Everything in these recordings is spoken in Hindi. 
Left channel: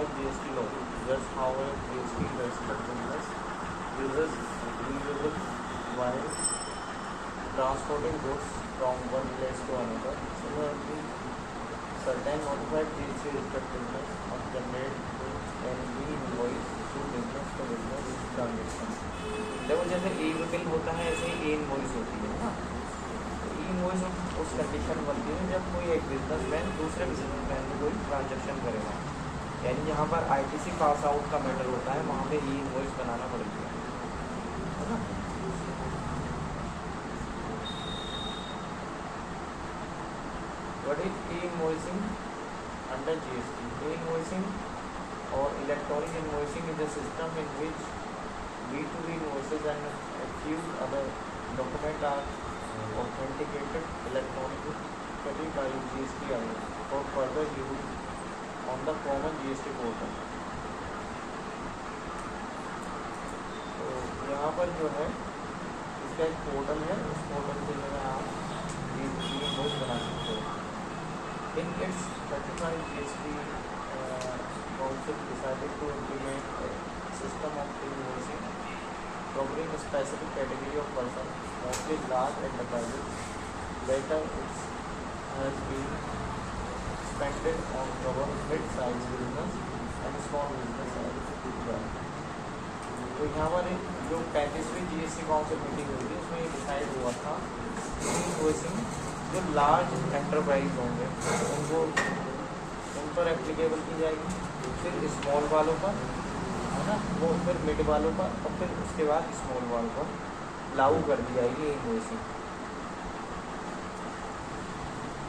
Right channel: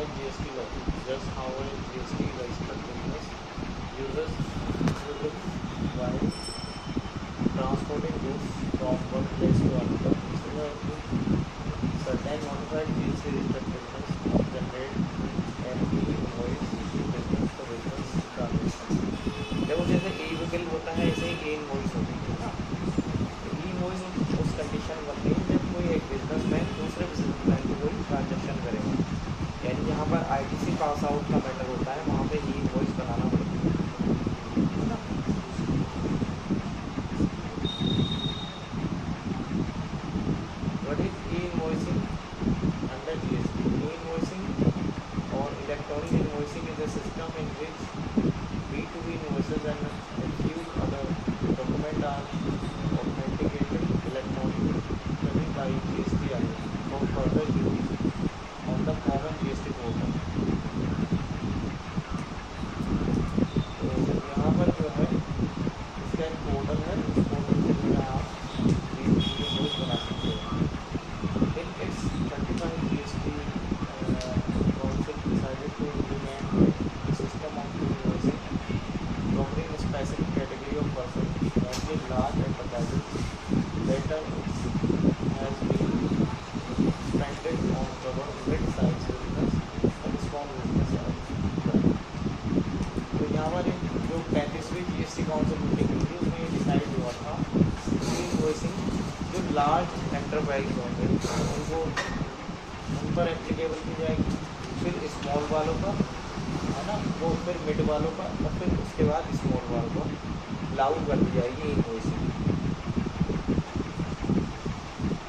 modify GST law. Just how a GST registered business uses e-bill while transporting goods from one place to another. Similarly, certain modified GST registered business generate an e-invoice to business to business transaction. देखो जैसे e-bill होता है ऐसे ही e-invoice होती है ना। ई-इनवॉइस उस कंडीशन बनती है जब कोई एक बिजनेसमैन दूसरे बिजनेसमैन को कोई ट्रांजेक्शन करेगा, यानी जहाँ पर आईटीसी पास आउट का मैटर होता है वहाँ पे ई-इनवॉइस बनाना पड़ता है ना। What is e invoicing under GST? E invoicing और electronic invoicing is a system in which B2B invoices and a few other documents are authenticated electronically by GSTI for further use on the common GST portal. तो यहाँ पर जो है इसका एक पोर्टल है, उस पोर्टल से जो है आप इनवॉइस बना सकते हो। In its 35 GST concept decided to implement a system of invoicing covering a specific category of persons, mostly large enterprises. Later, it has been expanded on cover mid-size business and small business. तो यहाँ पर जो 35वीं GST काउंसिल मीटिंग हुई थी उसमें ये डिसाइड हुआ था कि इनवॉइसिंग जो लार्ज एंटरप्राइज होंगे उनको उन पर एप्लीकेबल की जाएगी, फिर स्मॉल वालों पर है ना, वो फिर मिड वालों पर और फिर उसके बाद स्मॉल वालों पर लागू कर दी जाएगी invoicing.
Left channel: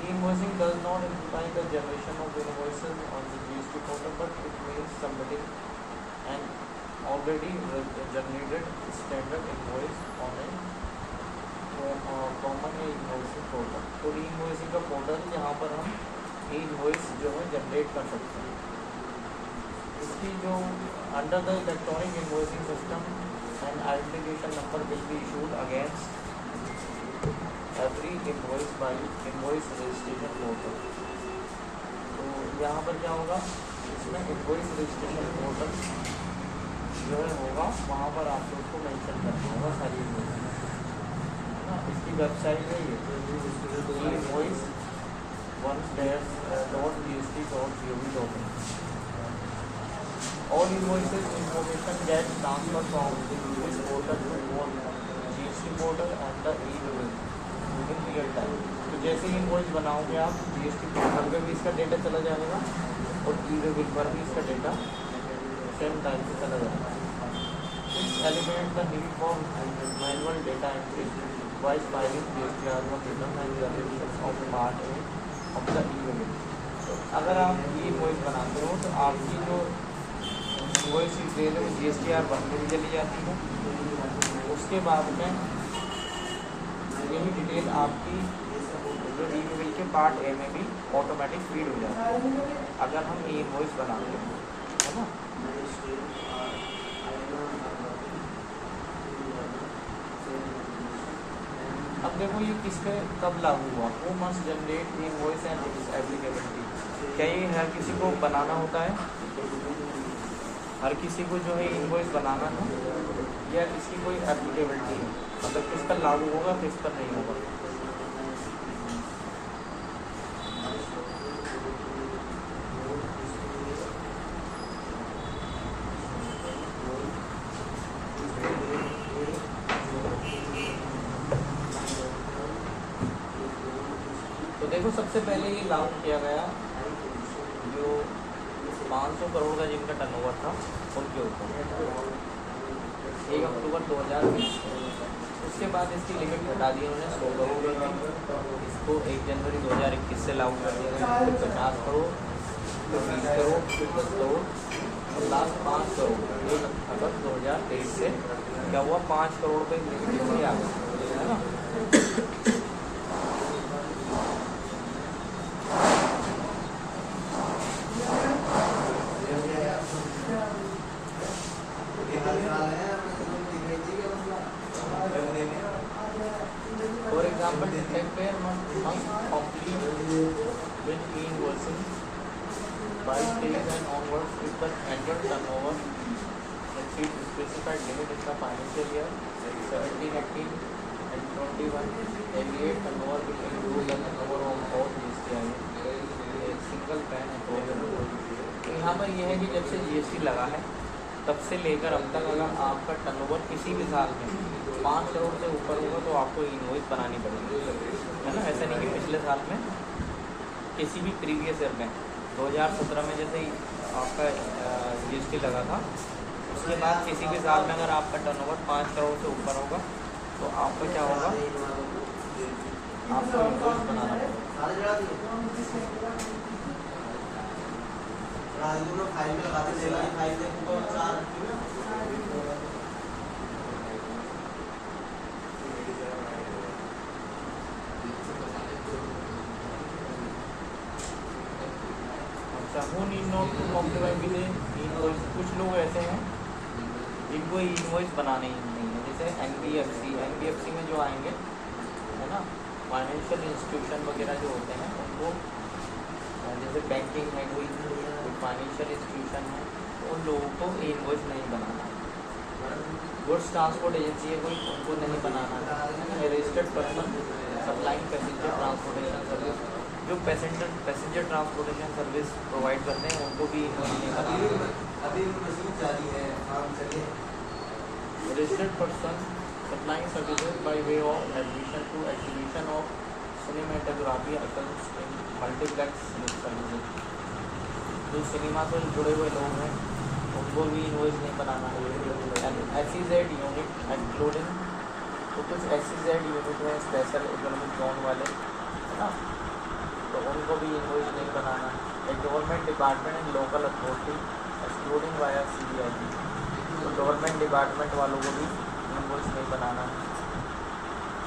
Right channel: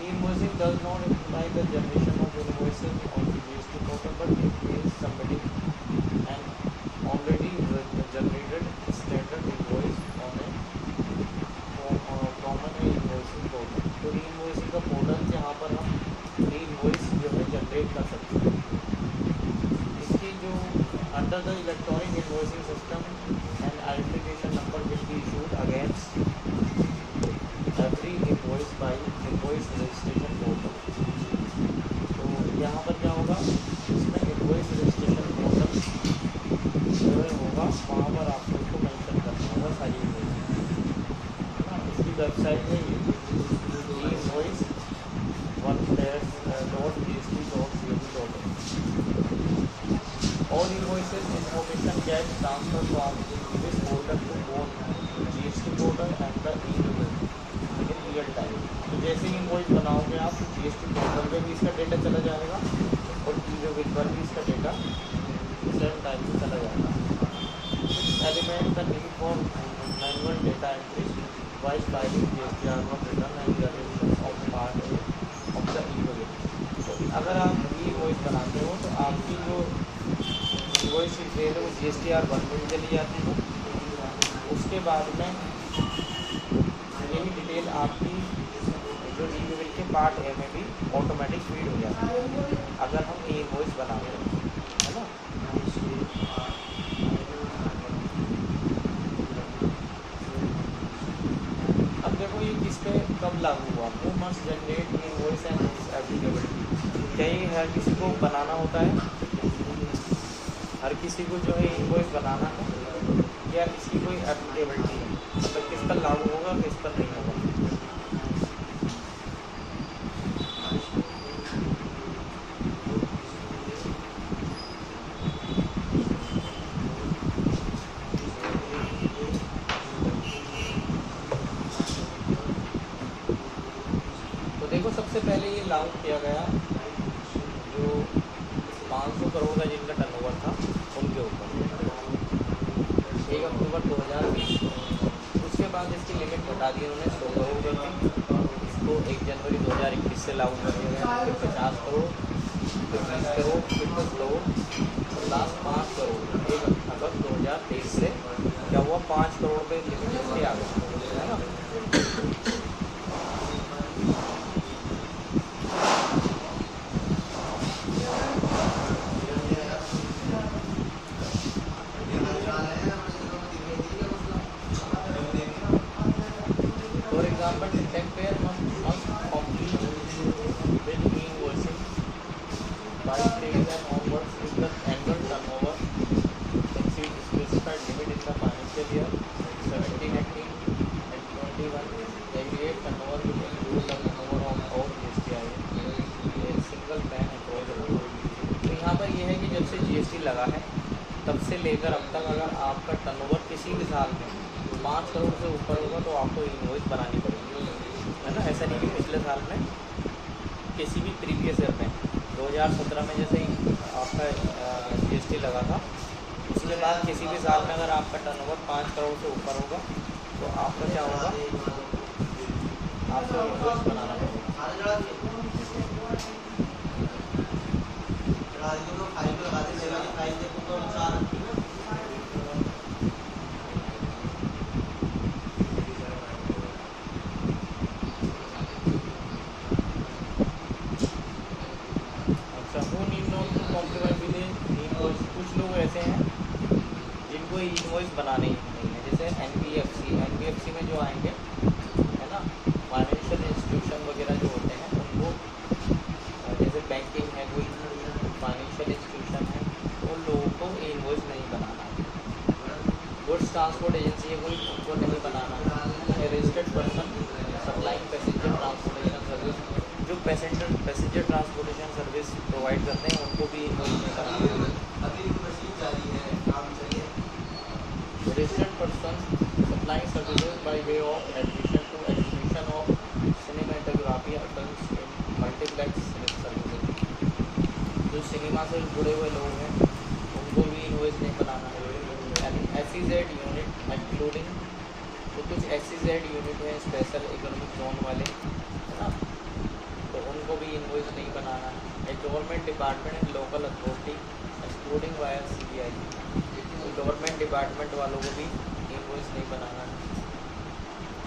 Invoicing does not imply the generation of invoices on the GST portal, but it means somebody and already generated standard invoice on A common invoicing portal. तो इनवॉइसिंग का पोर्टल जहाँ पर हम इनवॉइस जो है जनरेट कर सकते हैं। इसकी जो under the electronic invoicing system, an identification number will be issued against every invoice by invoice registration portal. तो यहाँ पर क्या होगा, इसमें invoice registration portal जो है होगा वहाँ पर आपको उसको मेंशन करना होगा सारी invoice है ना। इसकी वेबसाइट है ये e-invoice .gst.gov.in। All invoices information get transferred from this portal to one GST portal and the e-bill within real time. तो जैसे ही इनवॉइस बनाओगे आप GST पोर्टल पर भी इसका डेटा चला जाएगा और e-bill पर भी इसका डेटा सेम टाइम पे चला जाएगा। This eliminates the need for manual data entry while filing GST return and generation of part A of the e-bill. तो अगर आप e-invoice बनाते हो तो आपकी जो इनवॉइस की ट्रेल है वो GSTR 1 में चली जाती है। उसके बाद में यही डिटेल आपकी जो ई-बिल के पार्ट ए में भी ऑटोमेटिक फीड हो जाती है अगर हम ई-इनवॉइस बनाते हैं, है ना। अब देखो ये किस पे कब लागू हुआ। वो मस्ट जनरेट ई-इनवॉइस एंड एप्लीकेबिलिटी। क्या ये हर किसी को बनाना होता है? हर किसी को जो है इनवॉइस बनाना है या इसकी कोई एप्लीकेबिलिटी है, मतलब किस पर लागू होगा किस पर नहीं होगा। तो देखो सबसे पहले ये लागू किया गया जो 500 करोड़ का जिनका टर्नओवर था उनके ऊपर 1 अक्टूबर 2020। उसके बाद इसकी लिमिट हटा दी उन्होंने 100 करोड़ में। इसको 1 जनवरी 2021 से लागू कर दिया गया। फिर 50 करोड़, फिर 20 करोड़, फिर 10 करोड़ और लास्ट 5 करोड़ 1 अक्टूबर 2023 से क्या हुआ 5 करोड़ पे लिमिट इसकी आ गई, है ना। 5 days and onwards if the annual turnover exceeds specified limit in the financial year 17-18 and 21, aggregate turnover will include the turnover of all GST single pan approach. तो यहाँ पर यह है कि जब से GST लगा है तब से लेकर अब तक अगर आपका टर्नओवर किसी भी साल में 5 करोड़ से ऊपर होगा तो आपको इनवॉइस बनानी पड़ेगी, है ना। ऐसा नहीं कि पिछले साल में किसी भी प्रीवियस ईयर में 2017 में जैसे आपका GST लगा था, उसके बाद किसी भी साल में अगर आपका टर्नओवर 5 करोड़ से ऊपर होगा तो आपको क्या होगा, आपको इनवॉइस बनाना पड़ेगा। कुछ लोग ऐसे हैं जिनको इनवॉइस बनाने ही नहीं है, जैसे एनबीएफसी में जो आएंगे, है ना, फाइनेंशियल इंस्टीट्यूशन वगैरह जो होते हैं उनको, जैसे बैंकिंग है, कोई फाइनेंशियल इंस्टीट्यूशन है, तो उन लोगों को इनवॉइस नहीं बनाना। गुड्स ट्रांसपोर्ट एजेंसी है कोई, उनको नहीं बनाना। Registered person supplying passenger transportation service, जो पैसेंजर ट्रांसपोर्टेशन सर्विस प्रोवाइड करते हैं उनको भी इनवॉइस नहीं करना। Registered person supplying services by way of admission to exhibition of cinematography items in multiplex services, जो सिनेमा से जुड़े हुए लोग हैं उनको भी इनवॉइस नहीं बनाना है। SEZ यूनिट इंक्लूडिंग, तो कुछ SEZ यूनिट है स्पेशल इकोनॉमिक जोन वाले, है ना, तो उनको भी इनवॉइस नहीं बनाना। एक government department and local authority excluding via CBI, तो गवर्नमेंट डिपार्टमेंट वालों को भी इनवॉइस नहीं बनाना।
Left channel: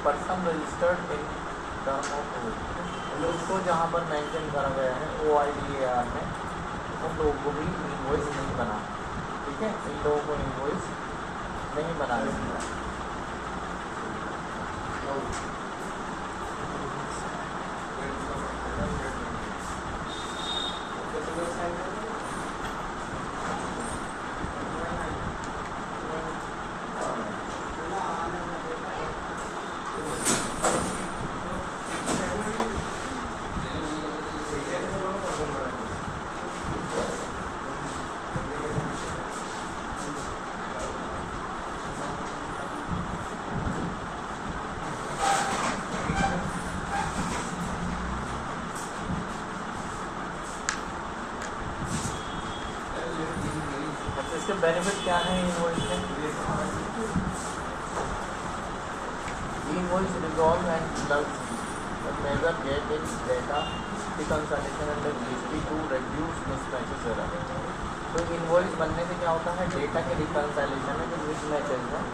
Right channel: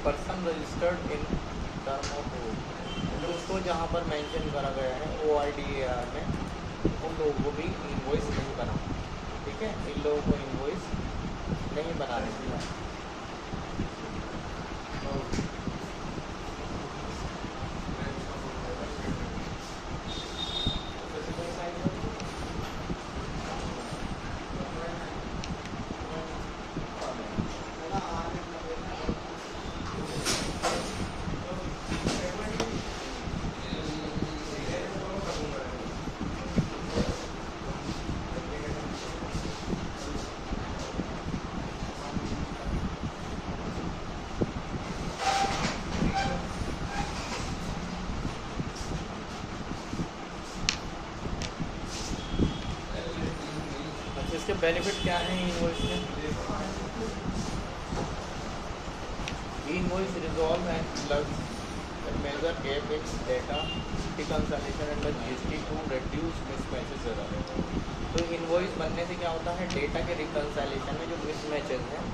Person registered in term of rule, तो उसको जहाँ पर मेंशन करा गया है OIDAR में, उन लोगों को भी इनवॉइस नहीं बनाना। ठीक है, इन लोगों को इनवॉइस नहीं बनाने देना। इसके बेनिफिट क्या हैं इनवॉइस में? Invoice resolve and plugs the major gap in data reconciliation and GST to reduce mismatches error. तो इनवॉइस बनने से क्या होता है, डेटा के रिकंसिलिएशन में जो मिसमैचेस हैं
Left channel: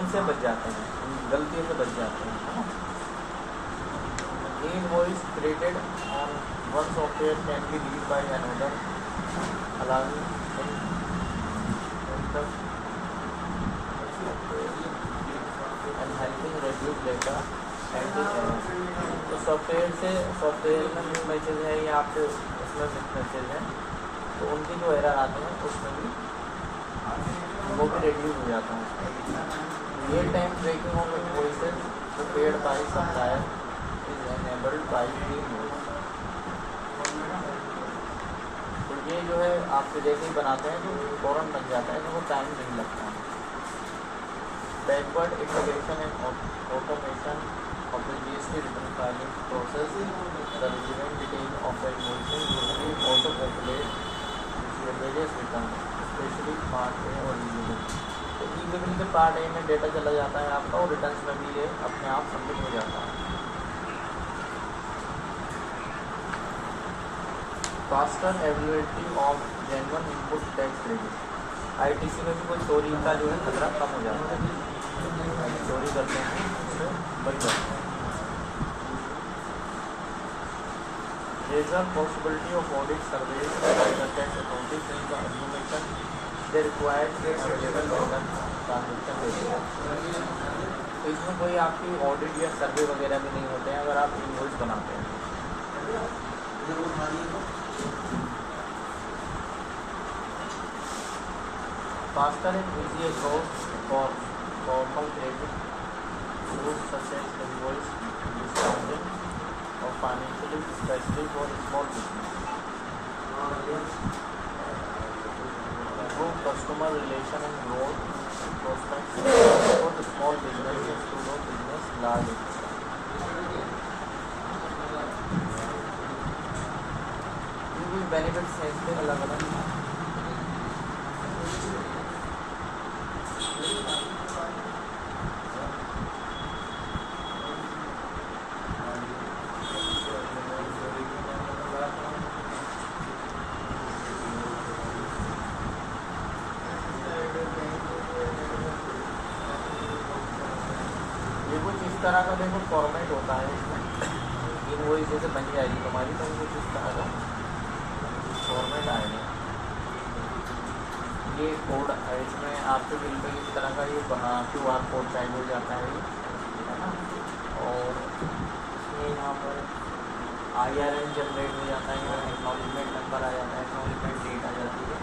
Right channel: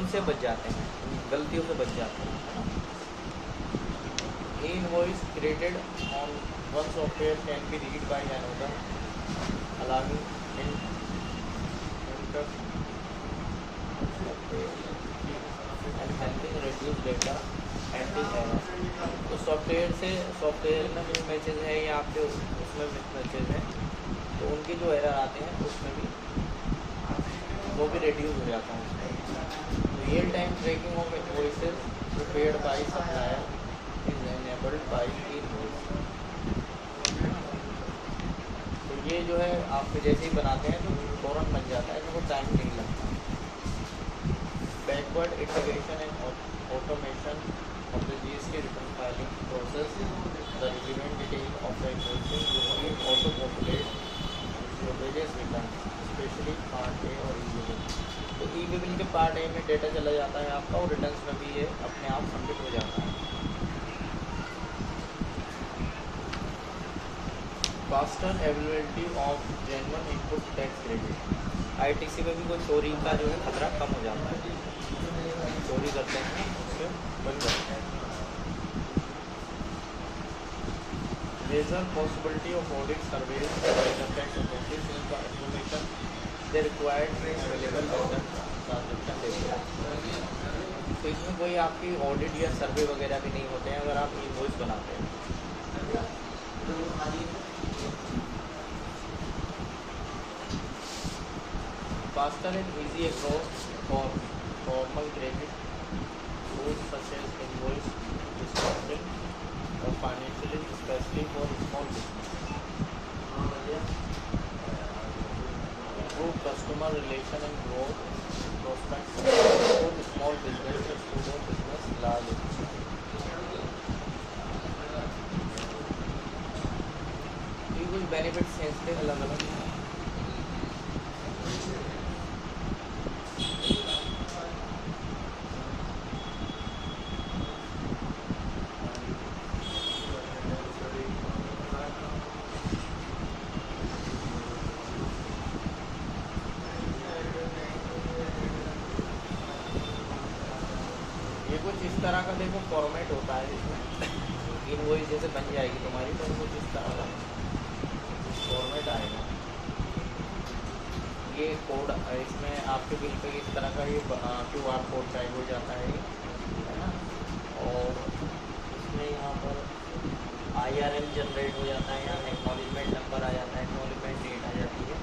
उनसे बच जाते हैं, गलतियों से बच जाते हैं। Invoice created on one software can be read by another allowing and helping reduce data and error। तो सॉफ्टवेयर में मिसमैचेस है या आपके उसमें मिसमैचेस हैं तो उनकी जो एरर आते हैं उसमें भी वो भी रिड्यूस हो जाता है। Real time tracking of invoices prepared by supplier is enabled by invoice. तो ये जो है आपके जैसे ही बनाते हैं तो फ़ौरन बन जाता है, तो वो टाइम नहीं लगता। Backward integration and automation of the GST return filing process, the relevant detail of the invoicing will be auto-populate with various returns, especially Part A और E-Bill। तो E-Bill के Part A में डेटा चला जाता है आपका और रिटर्न्स में भी ये अपने आप सबमिट हो जाता है। Faster availability of genuine input tax credit, ITC में भी कोई चोरी का जो है खतरा कम हो जाता है, चोरी करते हैं उससे बच जाते हैं। There's a possibility of audit surveys by the tax authorities in the information they required available with the transaction data। तो इसमें कोई आपकी ऑडिट या सर्वे वगैरह भी नहीं होते हैं अगर आप इनवॉइस बनाते हैं। faster and easy approach for formal credit rules such as invoice discounting or financially, especially for small business. Improve customer relation and growth prospects for the small business and pseudo business large. ये कुछ बेनिफिट्स हैं इसके अलग अलग। ये कुछ इस तरह का देखो फॉर्मेट होता है इसमें, इनवॉइस जैसे बन जाएगी तुम्हारी तो कुछ इस तरह का फॉर्मेट आएगा। ये कोड इसमें आपके बिल पे इस तरह का ये QR कोड टाइप हो जाता है ना, और इसमें यहाँ पर IRN जनरेट हो जाता है, यहाँ एक्नॉलेजमेंट नंबर आ जाता है, एक्नॉलेजमेंट डेट आ जाती है।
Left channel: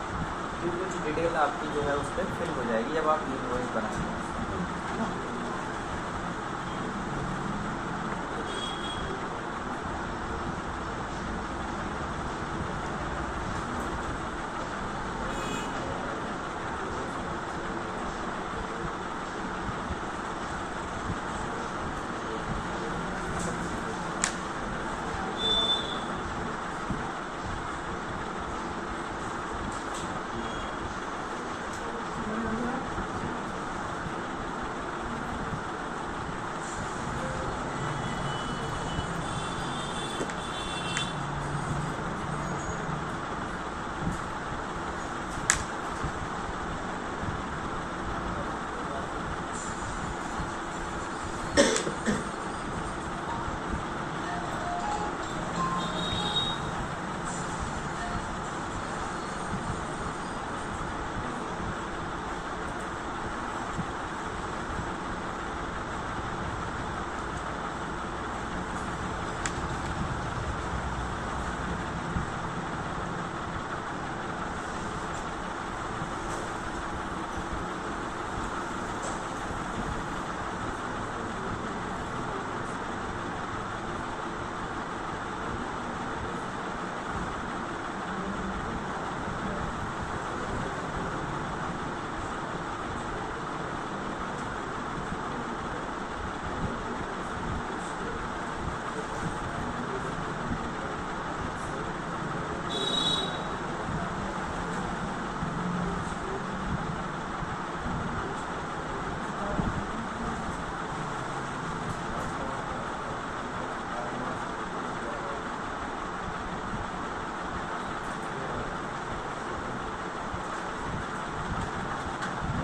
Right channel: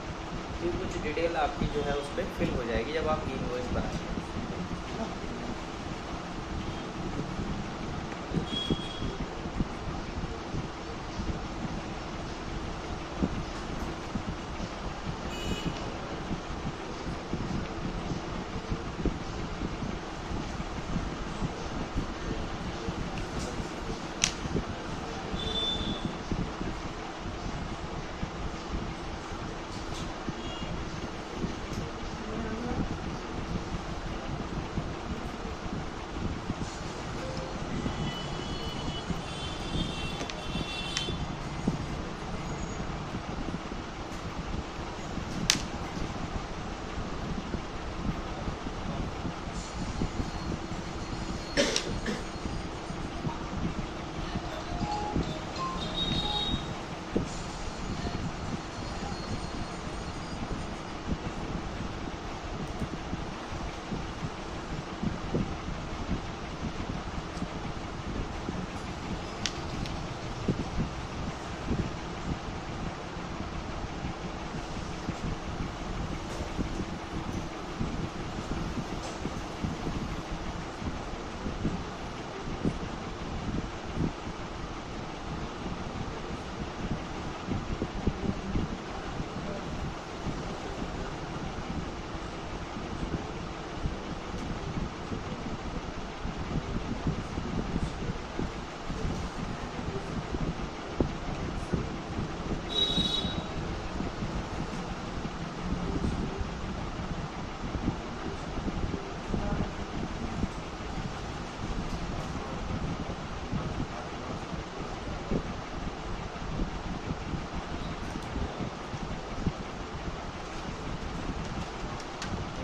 तो कुछ डिटेल आपकी जो है उस पर फिल हो जाएगी जब आप इनवॉइस बनाएंगे।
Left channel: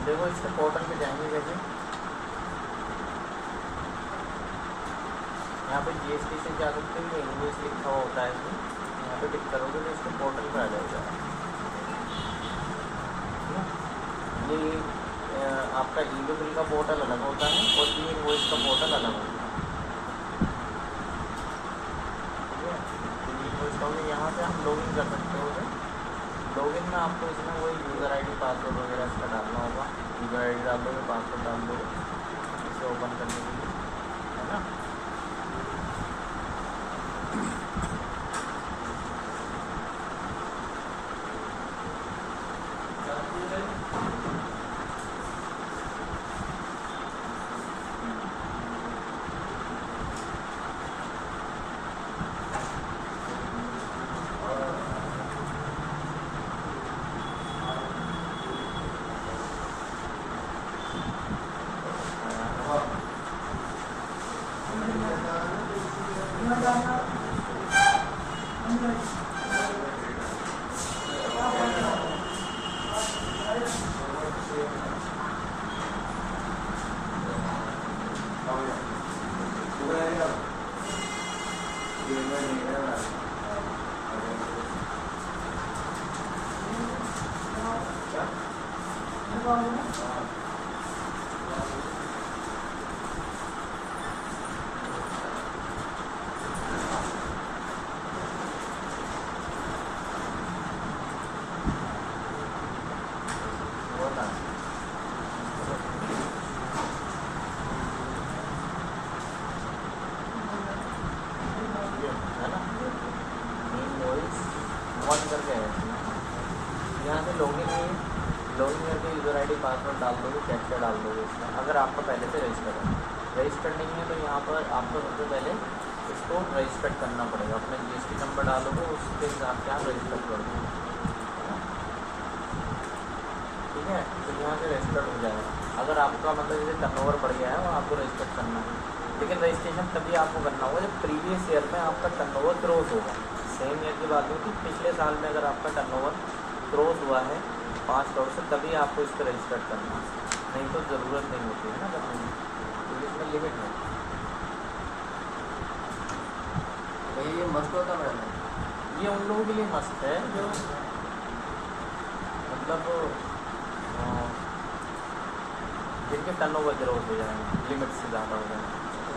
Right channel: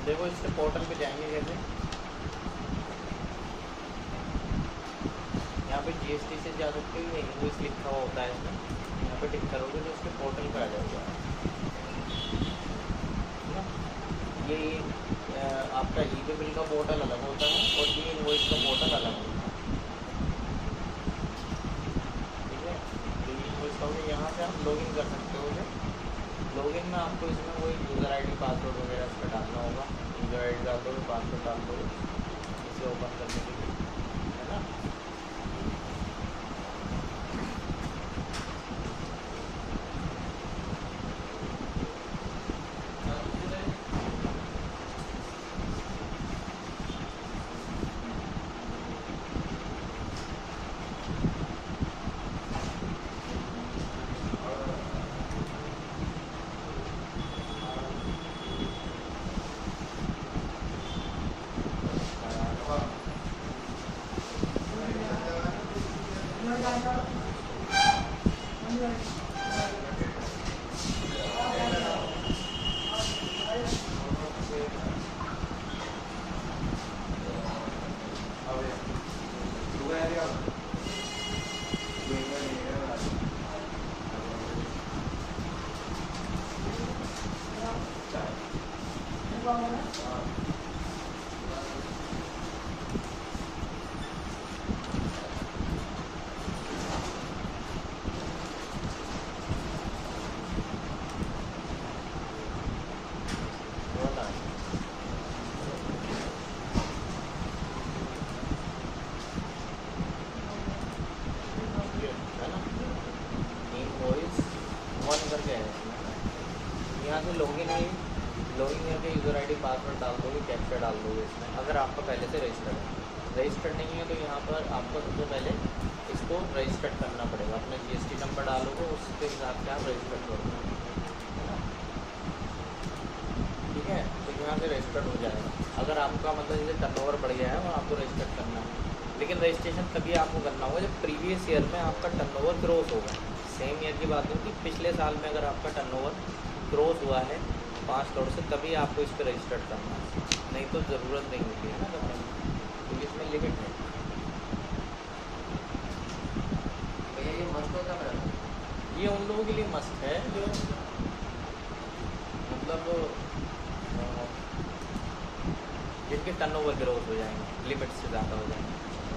देखो इसके पोर्टल पे जाएंगे जैसे यहाँ पे GST से जा सकते हो, इनवॉइस लिखा हुआ होता है इसमें, यहाँ पे टिक करोगे तो इसके पोर्टल पे आ जाएगा। ये आपका ई-वे बिल का पोर्टल अलग होता है और ये इनवॉइस का पोर्टल अलग होता है, ठीक है। तो ये इनवॉइस का यहाँ से हम लॉगिन कर सकते हो। लॉगिन में आपको इसमें वही यूज़र ID पासवर्ड वगैरह इसका डालना होगा। यूज़र ID डाल दोगे, पासवर्ड डाल दोगे इसे ओपन करने के लिए, है ना। होता है। करके आया इसमें। यहाँ से लॉगिन करके यूज़र आईडी पासवर्ड डाल दोगे, कैप्चा डाल दोगे इसमें, अगर आपका पहले से रजिस्टर्ड नहीं है तो यहाँ पर आपको सबसे पहले इसको रजिस्टर्ड करना पड़ेगा। अपना GST नंबर डालोगे, उसके हिसाब से आप रजिस्टर करोगे, ठीक है। तो यहाँ से रजिस्टर्ड हो जाएगा। अगर आपका मतलब जैसे टर्नओवर बढ़ गया है और आपको रजिस्टर्ड करना है, लेकिन रजिस्ट्रेशन तभी आपको करना होगा जब प्रीवियस ईयर में आपका टर्नओवर क्रॉस होगा। सेम ईयर की बात होगी, पिछले साल में अगर आपका टर्नओवर क्रॉस हुआ है 5 करोड़ से, तभी आपको इस पर रजिस्टर्ड करना है, नहीं तो ज़रूरत नहीं होती है ना करने में, क्योंकि इसमें लिमिट है। भैया ये मस्त होता मैडम, ये उन लोगों के लिए मस्त है जो मतलब जिनके टर्नओवर ग्रोथ हो जाएगा, लिमिट से ज़्यादा हो जाएगा।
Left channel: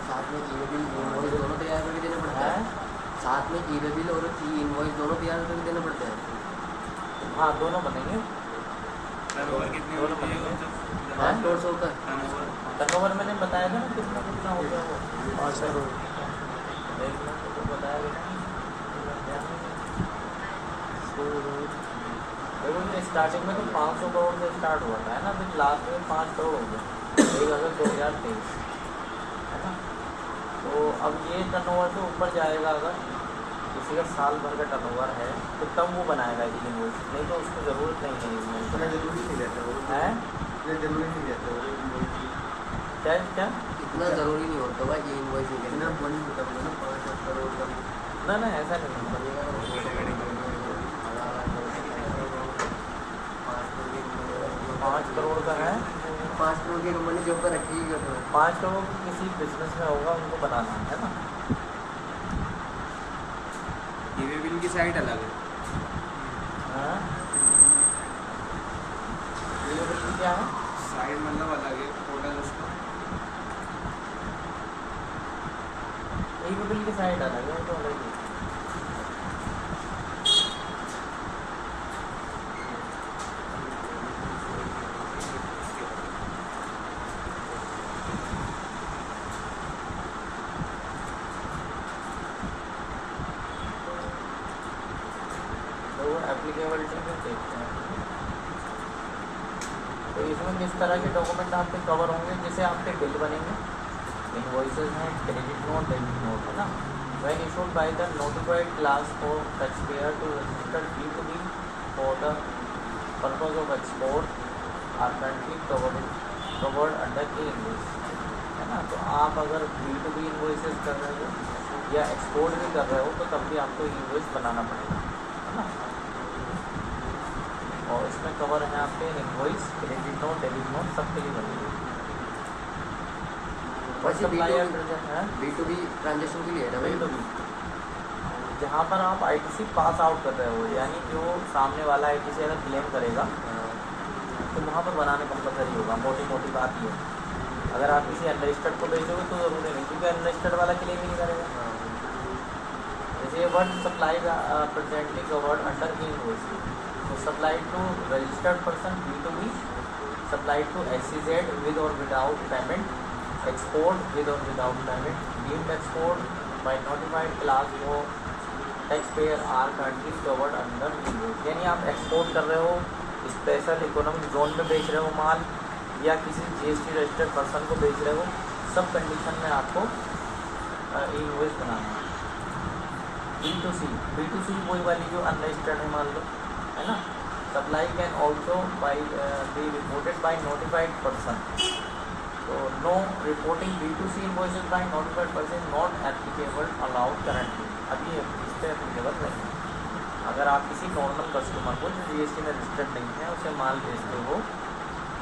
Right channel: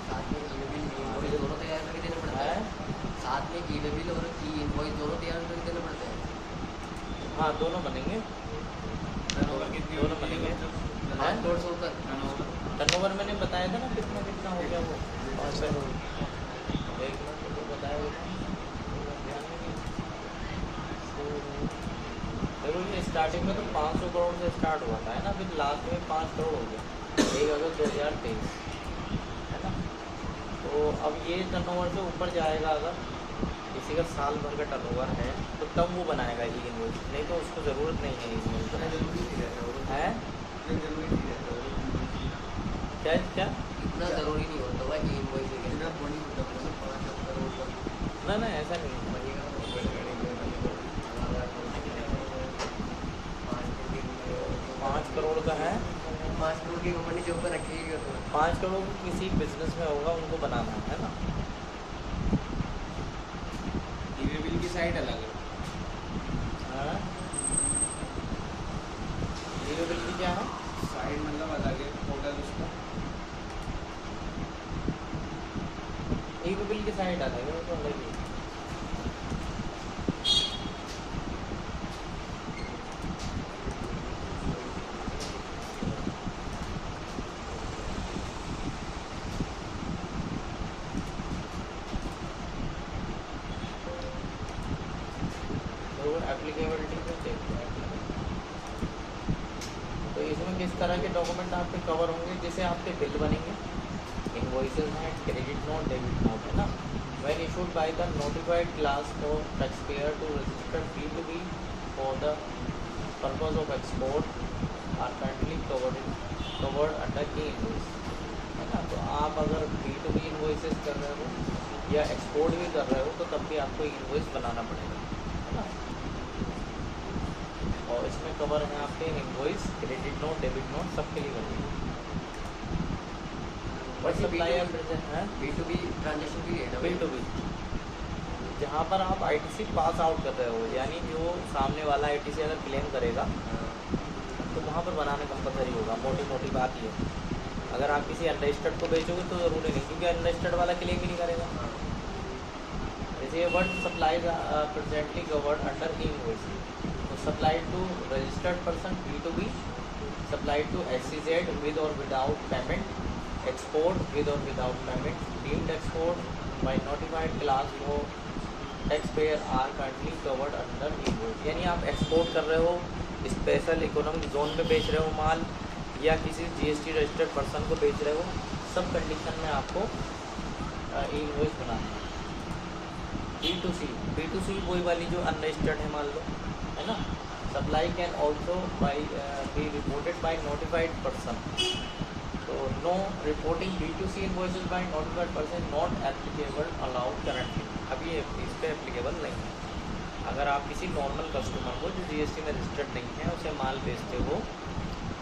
साथ में ई बिल इनवॉइस दोनों तैयार करके देने पड़ते हैं। साथ में ई बिल और ई इनवॉइस दोनों तैयार करके देने पड़ते हैं। हाँ, दोनों बनेंगे, दोनों बनेंगे। 5 करोड़ से ऊपर टर्नओवर मैंने बताया था ना कितना हो गया वो 5 करोड़। एक मिनट तो बताया था। देखो ये स्टार्टिंग में तो 500 करोड़ से स्टार्ट हुआ था, है ना, फिर लास्ट में 5 करोड़ हो गए 1 अगस्त 2023, है ना। तो अब ये टर्नओवर से ऊपर जाएगा, अगर किसी का साल भर का टर्नओवर है तो तब वो बनाएगा ई इनवॉइस, नहीं तो उसको ज़रूरत नहीं है इनवॉइस। इतना जरूरी नहीं रहता वो है इतना जरूरी नहीं रहता वो इनवॉइस की। क्या क्या इतना ज़रूरी नहीं होता भाई कि इनवॉइस इतना बड़ी होता है ना 5 करोड़ का ना ऐसा नहीं है। बनेगा। 5 करोड़ का है, 5 करोड़ की कंपनी जो पर रखेगी क्या करोड़ 5 करोड़ किसी बिजनेस में होगा, उनको बनाना है ना। ई बिल की साइड अलग है। हाँ, ये बिल की क्या है, साइड मतलब अलग है, पोर्टल उसका ई बिल की साइड अलग है, वो तो अलग ही है। तो एप्लीकेबिलिटी में देखते हैं। तो इसमें किस तरह के डॉक्यूमेंट आपके कवर होंगे, जैसे आपके बिल बनेंगे, इनवॉइसेज हैं, क्रेडिट नोट, डेबिट नोट, है ना। When issued by the notified class for taxpayer to registered B2B for the purpose of export are currently covered under e invoice, है ना। तो आप अगर B2B इनवॉइसेज कर रहे हो या एक्सपोर्ट भी कर रहे हो तो तब भी आपको इनवॉइस बनाना पड़ेगा, है ना। और इसमें कवर है आपके invoice, credit note, debit note, सबके लिए बनेगी। वैसे सप्लायर है B2B ट्रांजेक्शन के लिए है ना भाई? B2B, जहाँ पर आप ITC पास आउट कर रहे हो, यानी जो सामने वाला ITC अगर क्लेम करेगा तो वहाँ पर बनाने कंपलसरी होगा। मोटी मोटी बात ये है, अगर आप किसी अनरजिस्टर्ड को बेचोगे तो ज़रूरी नहीं, क्योंकि अनरजिस्टर्ड वाला क्लेम ही नहीं करेगा। जैसे word supplies presently covered under e invoice, तो supply to registered person B2B, supply to SEZ with और विदाउट पेमेंट, एक्सपोर्ट विद और without payment, deemed export by notified class वो taxpayer are currently covered under invoice. यानी आप एक्सपोर्ट कर रहे हो, स्पेशल इकोनॉमिक जोन में बेच रहे हो माल, या किसी GST रजिस्टर्ड पर्सन को बेच रहे हो, सब कंडीशन में आपको इनवॉइस बनाना है। B2C वही वाली जो अनरजिस्टर्ड है मान लो, है ना। Supply can also be reported by notified person, तो no reporting B2C invoices by notified person not applicable allowed currently. अभी इस पर एप्लीकेबल नहीं है। अगर आप किसी नॉर्मल कस्टमर को जो GST में रजिस्टर्ड नहीं है उसे माल बेचते हो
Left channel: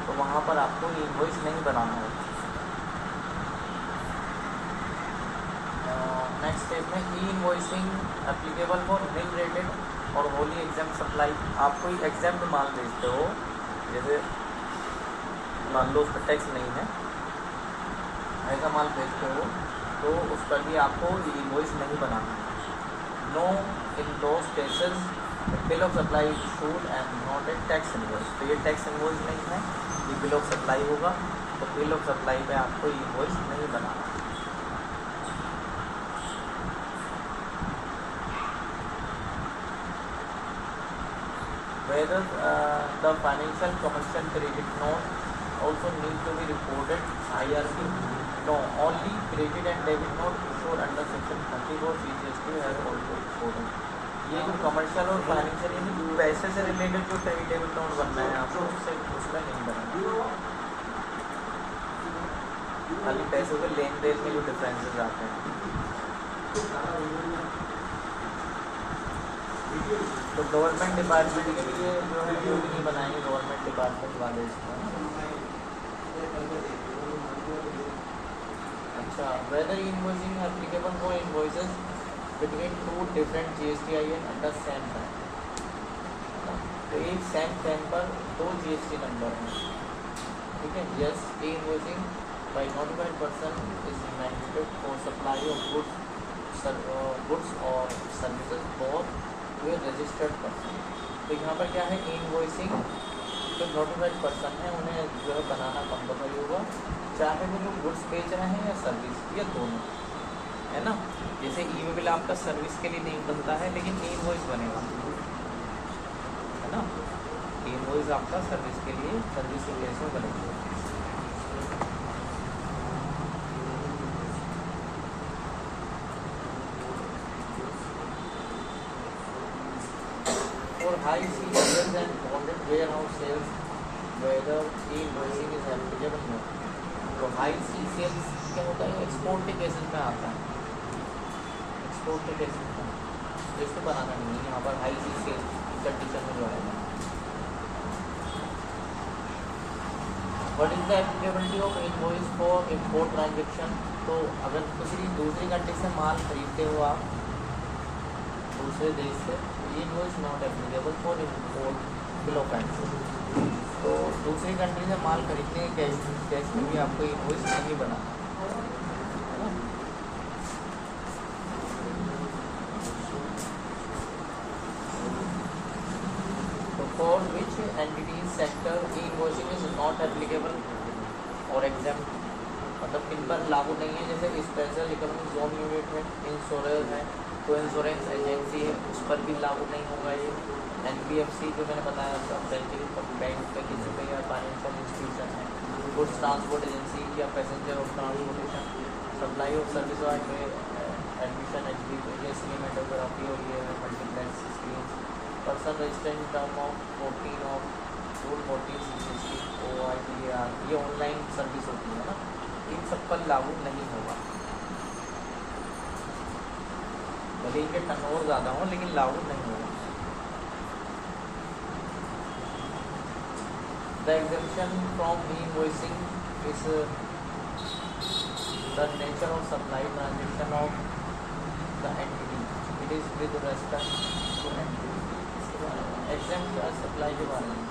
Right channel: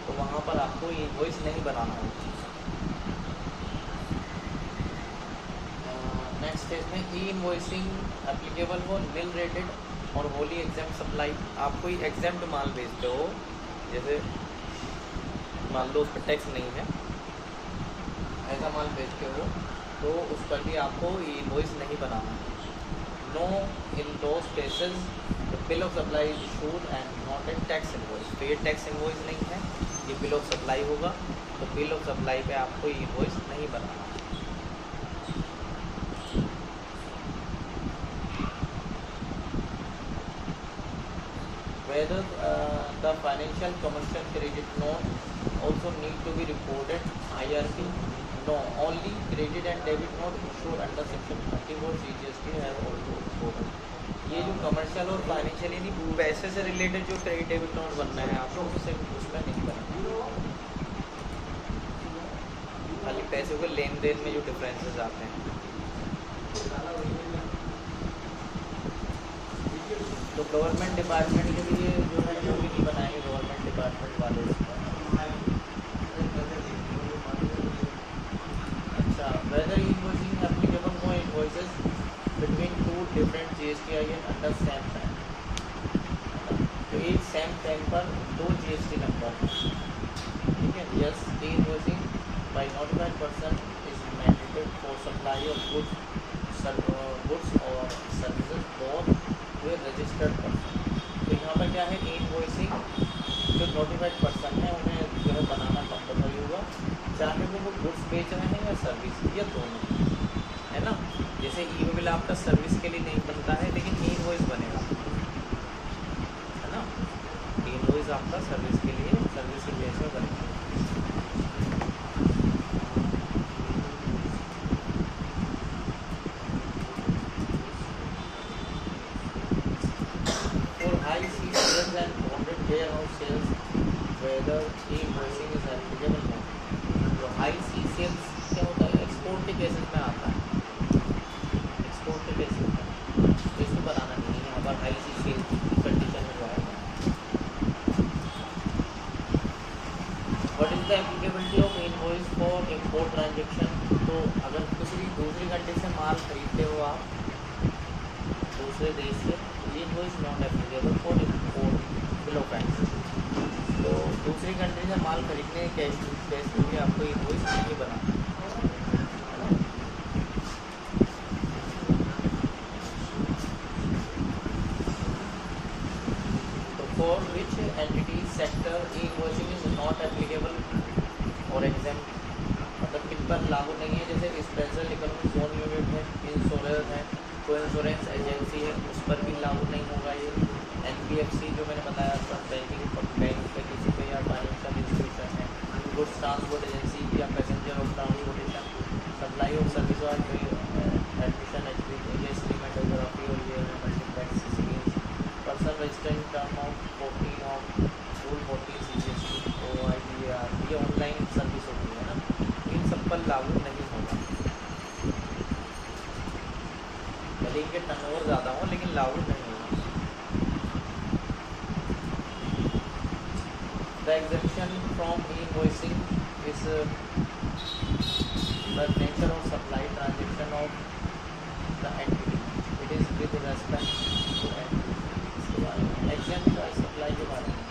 तो वहाँ पर आपको ये इनवॉइस नहीं बनाना होता। नेक्स्ट स्टेज में e invoicing applicable for nil rated और होली एग्जाम सप्लाई। आप कोई एग्जाम्ड माल बेचते हो, जैसे मान लो उस पर टैक्स नहीं है, ऐसा माल बेचते हो तो उसका लिए आपको ई इनवॉइस नहीं बनाना है। No in those cases bill of supply is issued and not a tax invoice. तो ये टैक्स इनवॉइस नहीं है, ये बिल ऑफ सप्लाई होगा, तो बिल ऑफ सप्लाई पे आपको ई इनवॉइस नहीं बनाना। whether the financial commercial credit note also need to be reported IRP. No, only credit and debit note issued under section 34 CGST has also reported. ये जो कमर्शियल और फाइनेंशियल यानी पैसे से रिलेटेड जो क्रेडिट डेबिट नोट बनना है आपको उसे उसमें नहीं करना, खाली पैसों के लेन देन में जो डिफरेंसेस आते हैं। तो गवर्नमेंट डिपार्टमेंट के लिए जो है वो भी नहीं बनाएंगे गवर्नमेंट डिपार्टमेंट वाले इसका। अच्छा, whether invoicing applicable for invoices between two different GSTIN under same PAN. तो एक सेम पैन पर दो GST नंबर हैं, ठीक है। Yes, the invoicing by notified person is mandated for supply of goods और सर्विसेज फॉर रजिस्टर्ड पर्सन। तो यहाँ पर क्या है, इनवॉइसिंग जो नोटिफाइड पर्सन है उन्हें जो है बनाना कंपलसरी होगा, चाहे वो गुड्स बेच रहे हैं या सर्विस, या दोनों, है ना। जैसे ई बिल आपका सर्विस के लिए नहीं बनता है लेकिन इनवॉइस बनेगा, है ना। इनवॉइस आपका सर्विस के लिए सर्विस के बेस में बनेगा। High seasons and bonded warehouse sales, whether e-invoicing is applicable or not. तो हाई सी सेल्स क्या होता है, एक्सपोर्ट के केसेस में आता है, एक्सपोर्ट के केसेस में इसको बनाना नहीं है यहाँ पर हाई सी सेल्स की कंडीशन में जो आएगा। What is the applicability of invoice for import transaction. तो अगर किसी दूसरी कंट्री से माल खरीदते हो आप दूसरे देश से, invoice not applicable for import below price. तो दूसरी कंट्री से माल खरीदने के केस में भी आपको इनवॉइस नहीं बनाना, है ना। तो for which entity sector invoicing is not applicable और एग्जाम्प्ट, मतलब किन पर लागू नहीं है। जैसे स्पेशल इकोनॉमिक जोन यूनिट है, इंश्योरेंस है, कोई इंश्योरेंस एजेंसी है, उस पर भी लागू नहीं होगा ये। NBFC जो मैंने बताया था, बैंकिंग बैंक के किसी पे या फाइनेंशियल इंस्टीट्यूशन है, गुड्स ट्रांसपोर्ट एजेंसी या passenger of transportation, supply of service और एडमिशन HBS सिनेमेटोग्राफी और ये multiplex series, person registered term of 14 of rule 14 CGST OIDAR, ये ऑनलाइन सर्विस होती है ना, इन सब पर लागू नहीं होगा। भले इनके टर्नओवर ज़्यादा हो लेकिन लागू नहीं होगा। The exemption from invoicing is the nature of supply transaction of the entity, it is with respect to entity. इसके बारे में एग्जेम्प्ट सप्लाई के बारे में।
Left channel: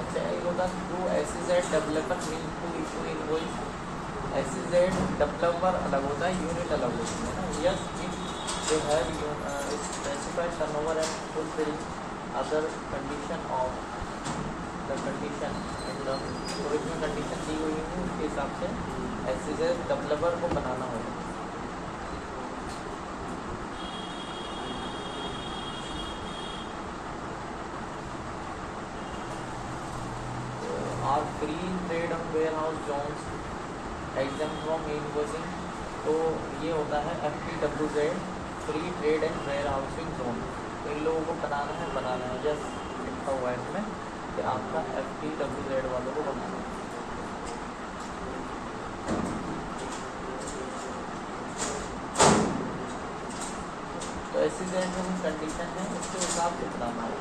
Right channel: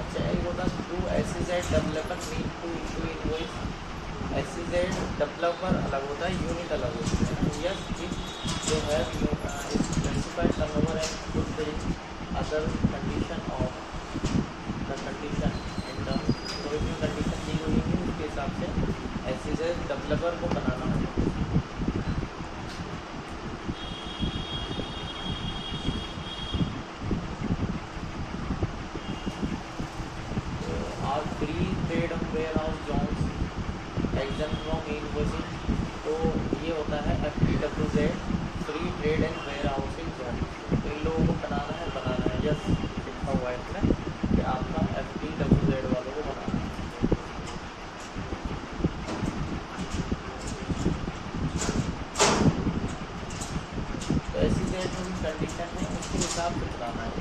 अच्छा, एक होता do SEZ developer need to issue invoice. SEZ developer अलग होता है, यूनिट अलग होती है ना। Yes, if they have specified turnover and fulfil other condition of the condition and जो कंडीशन दी हुई है उसके हिसाब से SEZ डेवलपर को बनाना होगा। आप free trade and warehouse zones exempt from invoicing, तो ये होता है FTWZ free trade and warehousing zone. तो इन लोगों को बनाना है यस लिखा हुआ है इसमें कि आपका FTWZ वालों को बनाना है। तो SEZ में भी कंडीशन है उसके हिसाब से बनाना है।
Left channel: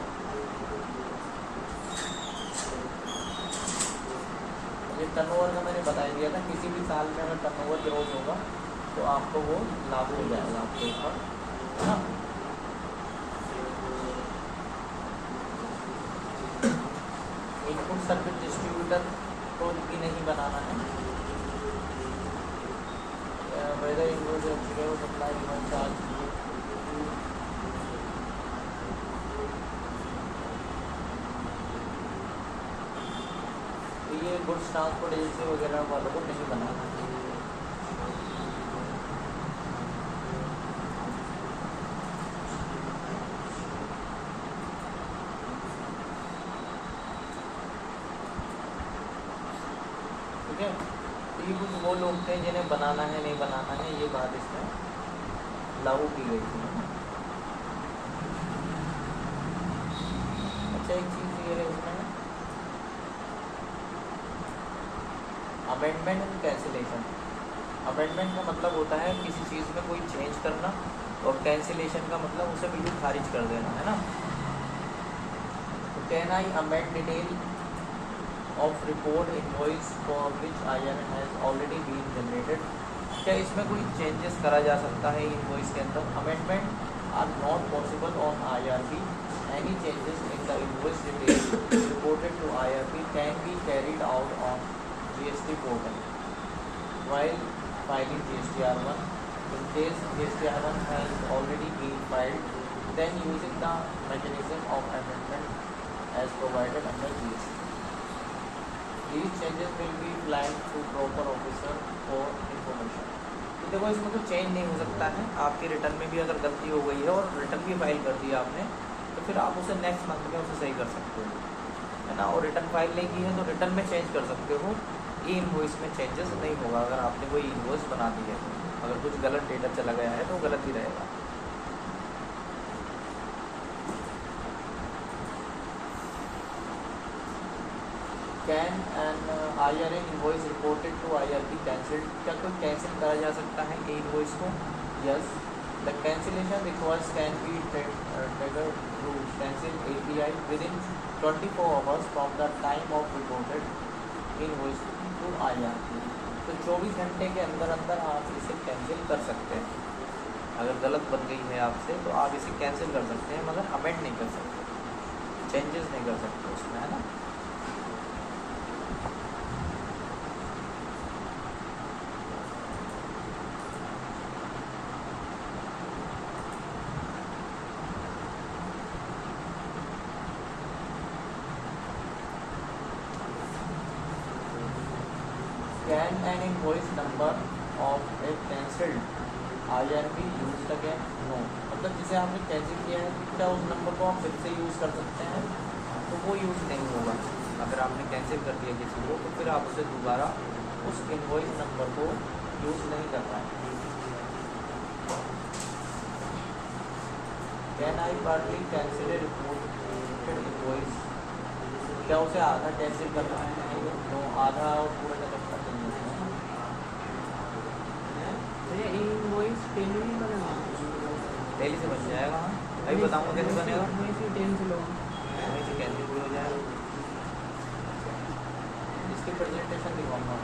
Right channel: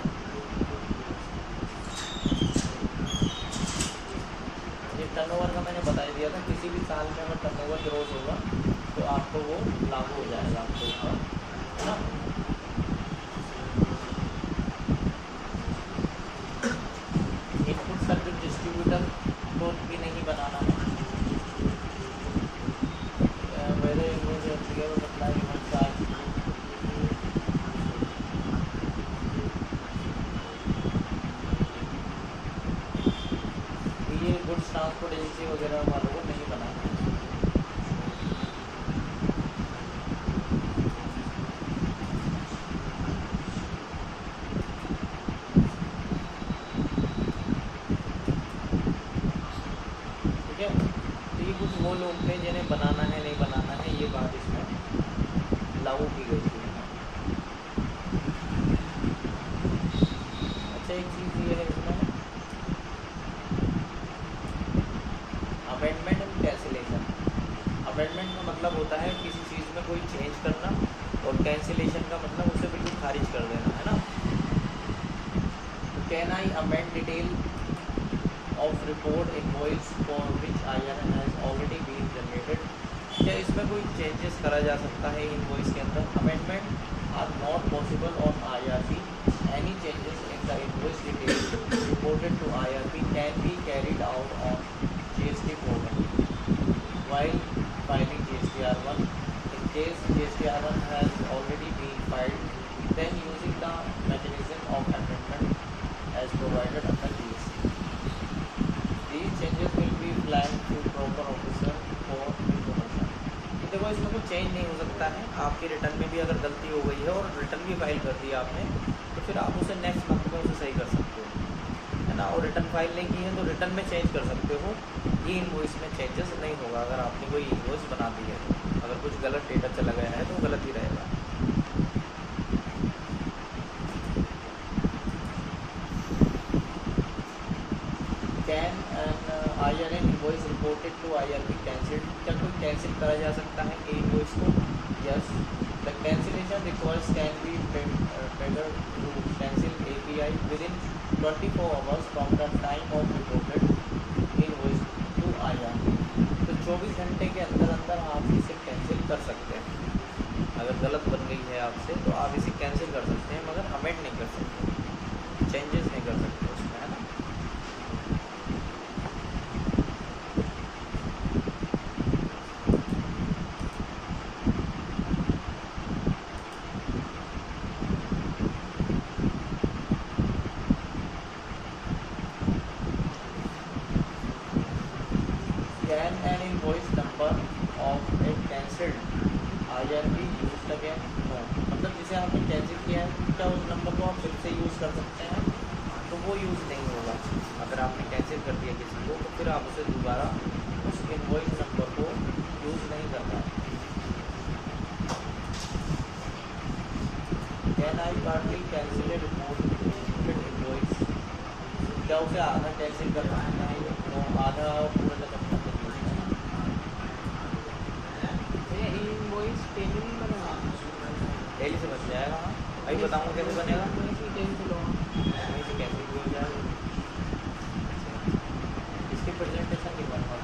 टर्नओवर का मैंने बता दिया था, किसी भी साल में अगर टर्नओवर ग्रोथ होगा तो आपको वो लागू हो जाएगा आपके ऊपर, है ना। इनपुट सर्विस डिस्ट्रीब्यूटर को भी नहीं बनाना है। मेरे invoice applicable supply unit charge, ये गुड्स ट्रांसपोर्ट एजेंसी वगैरह वालों को नहीं बनाना। 1 लोग थे जिन्हें बनाना है नहीं बनाना है ये बात इसमें लागू की गई थी। अच्छा एक चीज़ ये है इसमें अमेंडमेंट एंड कैंसिलेशन। अमेंडमेंट का मतलब होता है किसी चीज़ में कोई चेंज करना और कैंसिलेशन का मतलब उसे बिल्कुल खारिज कर देना, है ना। तो can I amend detail of report invoice for which IRN has already been generated. क्या इसमें कोई चेंजेस करा जा सकता है इनवॉइस के अंदर। Amendment are not possible on IRP। Any changes in the invoice detail reported to IRP can be carried out on GST portal while filing GSTR1. In case GSTR1 has already been filed, then using the mechanism of amendment as provided under GST. These changes will be flagged to proper officer for information. तो देखो इसमें कोई चेंज नहीं हो सकता है। आपके रिटर्न में भी अगर गलती हो गई है और रिटर्न भी फाइल कर दिया आपने तो फिर आप उसे नेक्स्ट मंथ में उसे सही कर सकते हो, है ना। और रिटर्न फाइल नहीं की है तो रिटर्न में चेंज कर सकते हो। ई इनवॉइस में चेंजेस नहीं होगा अगर आपने कोई इनवॉइस बना दी है। अगर कुछ गलत डेटा चला गया है तो गलत ही रहेगा। Can an IRN invoice reported to IRP cancelled. क्या कोई कैंसिल करा जा सकता है कि इनवॉइस को। Yes, the cancellation request can be triggered to cancel API within 24 hours from the time of reported invoice to IRP। तो 24 घंटे के अंदर अंदर आप इसे कैंसिल कर सकते हैं। अगर गलत बन गई है आपसे तो आप इसे कैंसिल कर सकते हैं मगर अमेंड नहीं कर सकते, चेंजेस नहीं कर सकते उसमें, है ना। Can an invoice number of a cancelled IRP used again? No. मतलब जिसे आपने कैंसिल किया है क्या उस नंबर को आप फिर से यूज़ कर सकते हैं, तो वो यूज़ नहीं होगा। अगर आपने कैंसिल कर दिया किसी को तो फिर आप उसे दोबारा उस इनवॉइस नंबर को यूज़ नहीं कर पाए। Can I partly cancel A report invoice. क्या उसे आधा कैंसिल करना है, तो आधा और पूरा का करना चाहिए। इनवॉइस पेमेंट नहीं बनेगा, डेली से बन जाएगा। अभी बताऊँगा कैसे बनेगा। वैसे कैंसिल हो। वहीं से कैंसिल हो जाएगा। इसकी प्रेजेंटेशन दिखाऊंगा।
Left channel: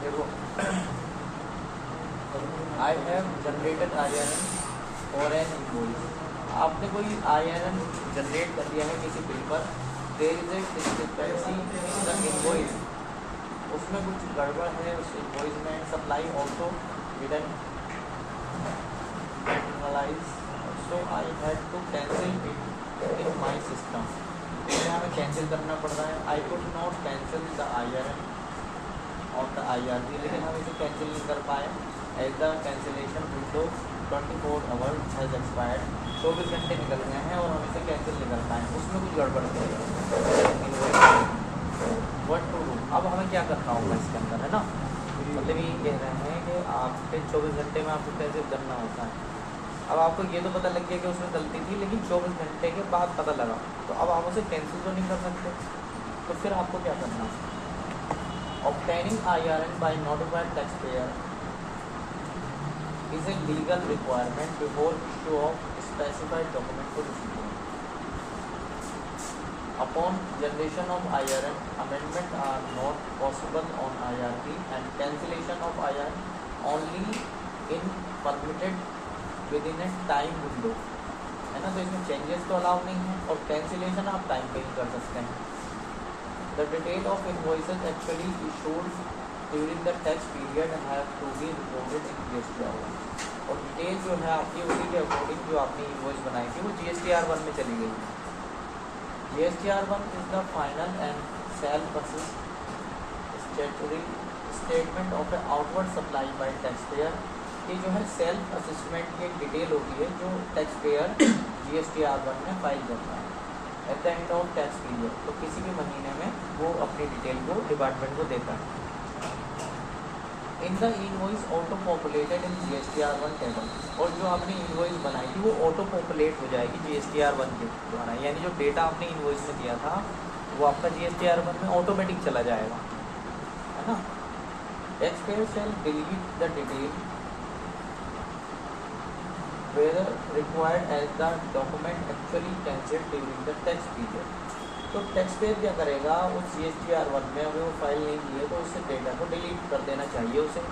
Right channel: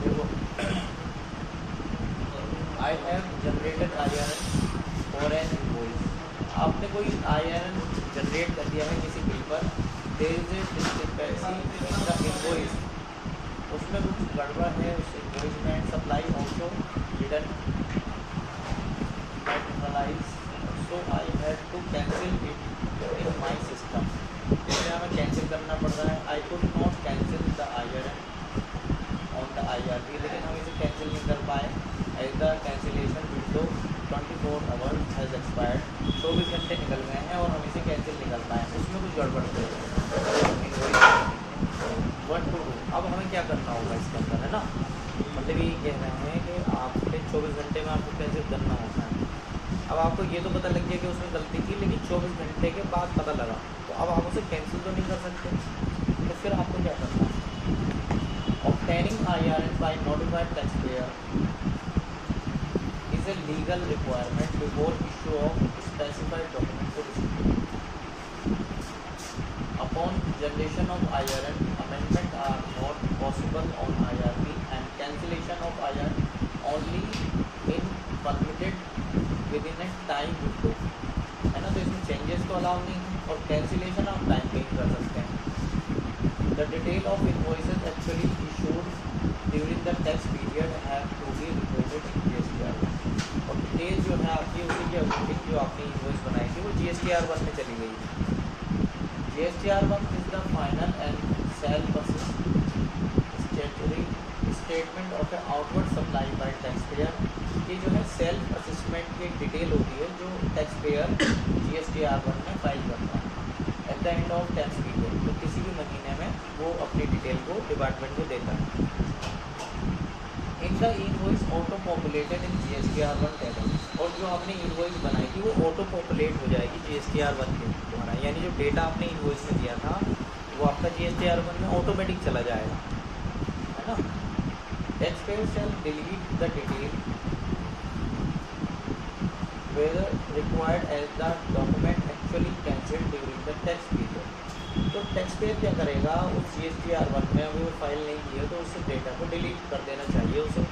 देखो I have generated IRN for an invoice. आपने कोई IRN जनरेट कर दिया है किसी बिल पर। There is a discrepancy in the invoice. उसमें कुछ गड़बड़ है उस इनवॉइस में। Supply also didn't analyse so I had to cancel it in my system. इसमें हमें कैंसिल करना पड़ रहा है। I could not cancel the IRN on the IRP, लेकिन हम इसे कैंसिल नहीं कर पाए as the cancellation window 24 hours has expired. 24 घंटे निकल गए हैं और हम इसे कैंसिल नहीं कर पाए। उसमें कुछ गड़बड़ है। What to do. अब हमें क्या करना होगा इसके अंदर, है ना। मतलब ये कह रहे हैं कि आपने 24 घंटे में आपको कैंसिल करना होता है। अब आपको ये तो पता लग गया कि उसमें गलती थी, लेकिन 24 घंटे के बाद पता लगा तो अब आप उसे कैंसिल तो नहीं कर सकते। तो फिर आपको क्या करना है। Obtaining IRN by notified taxpayer is a legal requirement before issue of specified document to recipient. Upon generation of IRN, amendment are not possible on IRP and cancellation of IRN only in permitted within a time window, है ना। तो इसमें चेंजेस तो अलाउ नहीं है और कैंसिलेशन आप टाइम पे ही कर सकते हैं। The detail of invoices actually issued during the tax period have to be reported in GSTR1. और डिटेल जो है आपकी उसी के अकॉर्डिंग जो आपने इनवॉइस बनाई थी वो GSTR1 में चली गई। GSTR1 is the final and shall persist statutory statement of A outward supply bye tax payer, ये जो है सेल्फ असेसमेंट की एक डिटेल होती है जो टैक्स पेयर GSTR1 में फाइल करता है at the end of tax period. तो किसी भी महीने में वो अपनी डिटेल को डिपार्टमेंट को देता है। इन the invoice auto populated in GSTR1 table, और जो आपने इनवॉइस बनाई थी वो ऑटो पॉपुलेट हो जाएगी GSTR1 के द्वारा, यानी जो डेटा आपने इनवॉइस में दिया था वो आपका GSTR1 में ऑटोमेटिक चला जाएगा, है ना। Tax payer shall delete the detail whether required as the document actually cancelled during the tax period। तो टैक्स पेयर क्या करेगा, उस GSTR1 में अगर वो फाइल नहीं की है तो उससे डेटा को डिलीट कर देना चाहिए उसे,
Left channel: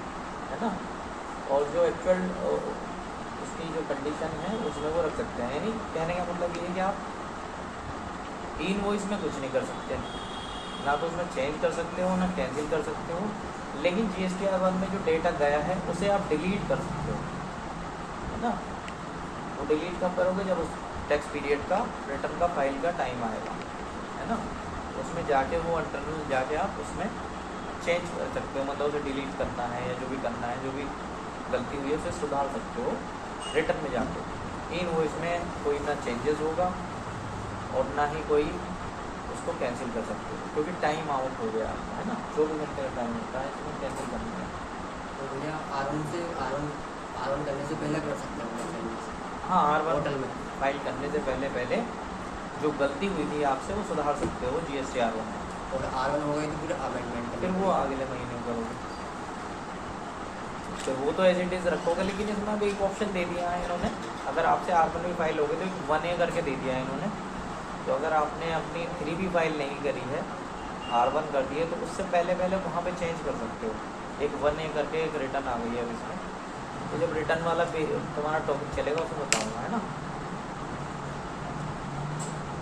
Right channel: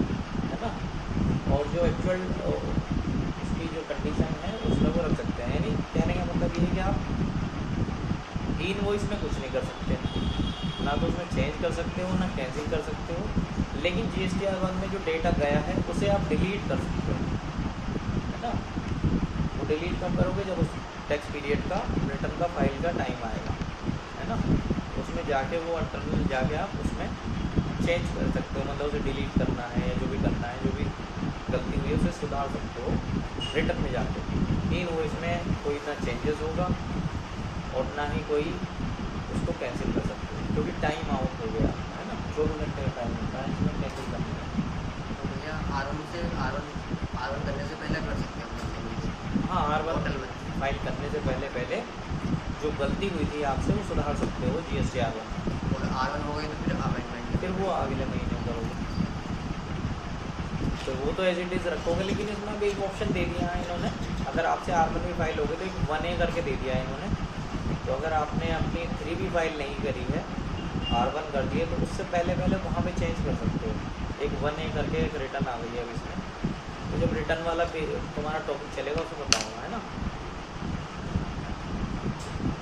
है ना। और जो एक्चुअल उसकी जो कंडीशन है उसमें वो रख सकते हैं। यानी कहने का मतलब ये है कि आप इनवॉइस में कुछ नहीं कर सकते, ना तो उसमें चेंज कर सकते हो ना कैंसिल कर सकते हो, लेकिन GSTR1 में जो डेटा गया है उसे आप डिलीट कर सकते हो, है ना। वो डिलीट कब करोगे, जब उस टैक्स पीरियड का रिटर्न का फाइल का टाइम आएगा, है ना। उसमें जाके वो इंटरनल जाके आप उसमें चेंज कर सकते हो, मतलब उसे डिलीट करना है या जो भी करना है, जो भी गलती हुई है उसे सुधार सकते हो रिटर्न में जाके। इनवॉइस में कोई ना चेंजेस होगा और ना ही कोई उसको कैंसिल कर सकते हो, क्योंकि टाइम आउट हो गया, है ना। 24 घंटे का टाइम होता है, इसमें कैंसिल करना है। तो भैया आर1 करने से पहले कर सकते हैं चेंजेस? हाँ, हर बार पोर्टल में फाइल करने से पहले जो गलती हुई थी आपसे वो सुधार सकते हो GSTR1 में। और R1 हो गई तो फिर अमेंडमेंट फिर वो अगले महीने करोगे, तो वो तो एज इट इज़ रखोगे, लेकिन इसमें भी एक ऑप्शन दे दिया है इन्होंने। अगर आपसे R1 भी फाइल होगी तो एक 1A करके दे दिया है इन्होंने। तो अगर आपने अपनी 3 भी फाइल नहीं करी है, R1 कर दिए, तो उससे पहले वहाँ पे चेंज कर सकते हो। एक 1A करके एक रिटर्न आ गई है अब इसमें, तो जब रिटर्न वाला तुम्हारा टॉपिक चलेगा उसमें बताऊँगा, है ना।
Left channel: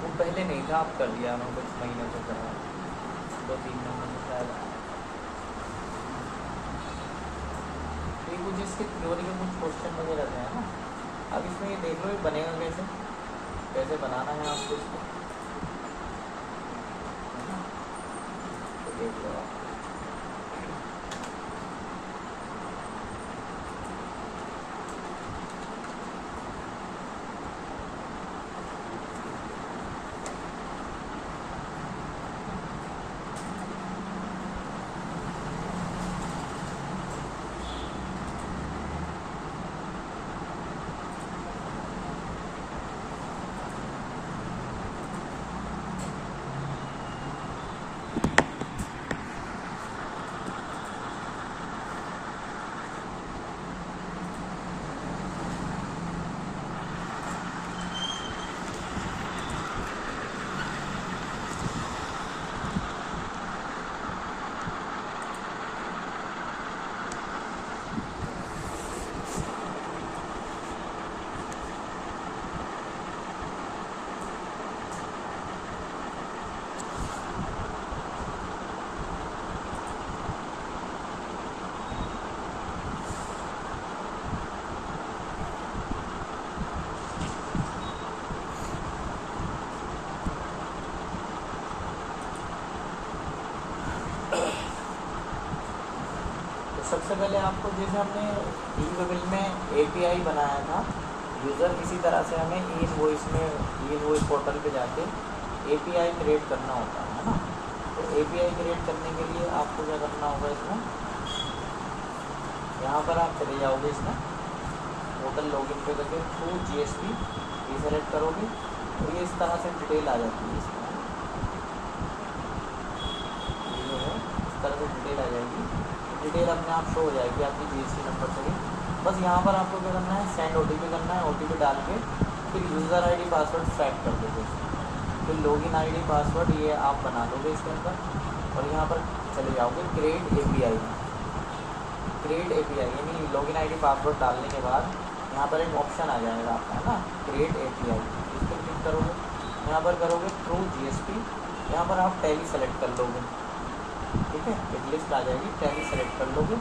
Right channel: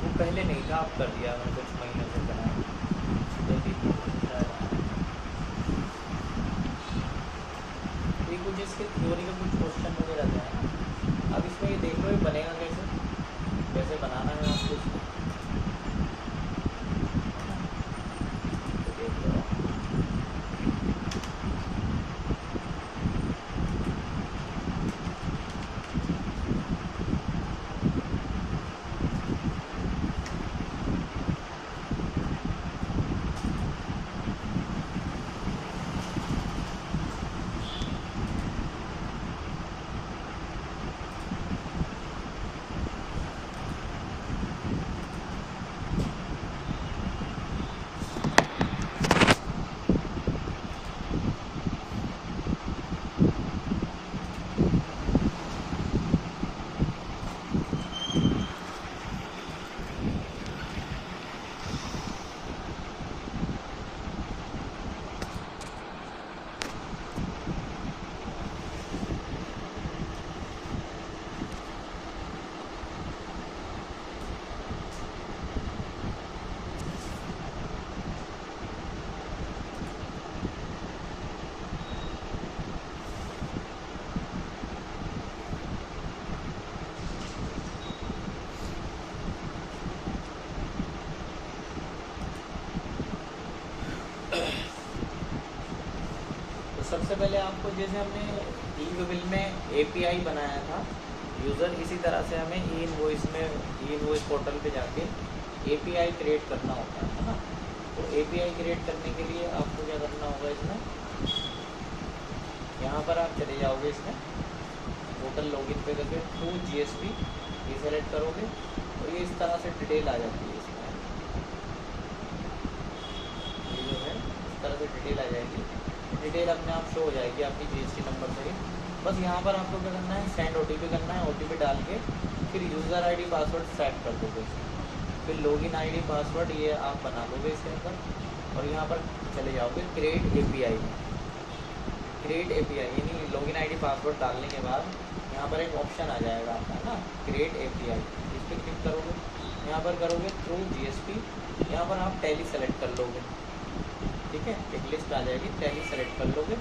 वो पहले नहीं था, आप कर दिया मैंने कुछ महीने से करा, 2-3 महीने से शायद। तो ये कुछ इसके थ्योरी के कुछ क्वेश्चन वगैरह थे, है ना। अब इसमें ये देख लो ये बनेगा कैसे, कैसे बनाना है आपको इसको, तो देख लो आप। सबसे पहले आपको जैसे हमने ई-बिल में API बनाया था यूज़र, इसी तरह से हमें ई-इनवॉइस में ई-इनवॉइस पोर्टल पे जाके API क्रिएट करना होता है ना। तो API क्रिएट करने के लिए आपको क्या करना होगा, इसमें यहाँ पर आप चले जाओगे, इसमें पोर्टल लॉगिन पे करके थ्रू GSP ये सेलेक्ट करोगे, तो ये इस तरह से डिटेल आ जाती है इसमें, ये जो है इस तरह से डिटेल आ जाएगी। डिटेल अपने आप शो हो जाएगी आपकी GST नंबर से। बस यहाँ पर आपको क्या करना है, सेंड OTP करना है, OTP डाल के फिर यूज़र ID पासवर्ड सेट कर दोगे, फिर लॉगिन ID पासवर्ड ये आप बना दोगे इसके अंदर, और यहाँ पर चले जाओगे क्रिएट API में। क्रिएट API यानी लॉगिन ID पासवर्ड डालने के बाद यहाँ पर एक ऑप्शन आ जाएगा आपका, है ना, क्रिएट API, इस पर क्लिक करोगे, यहाँ पर करोगे थ्रू GSP, यहाँ पर आप टैली सेलेक्ट कर लोगे, ठीक है। एक लिस्ट आ जाएगी, टैली सेलेक्ट कर लोगे,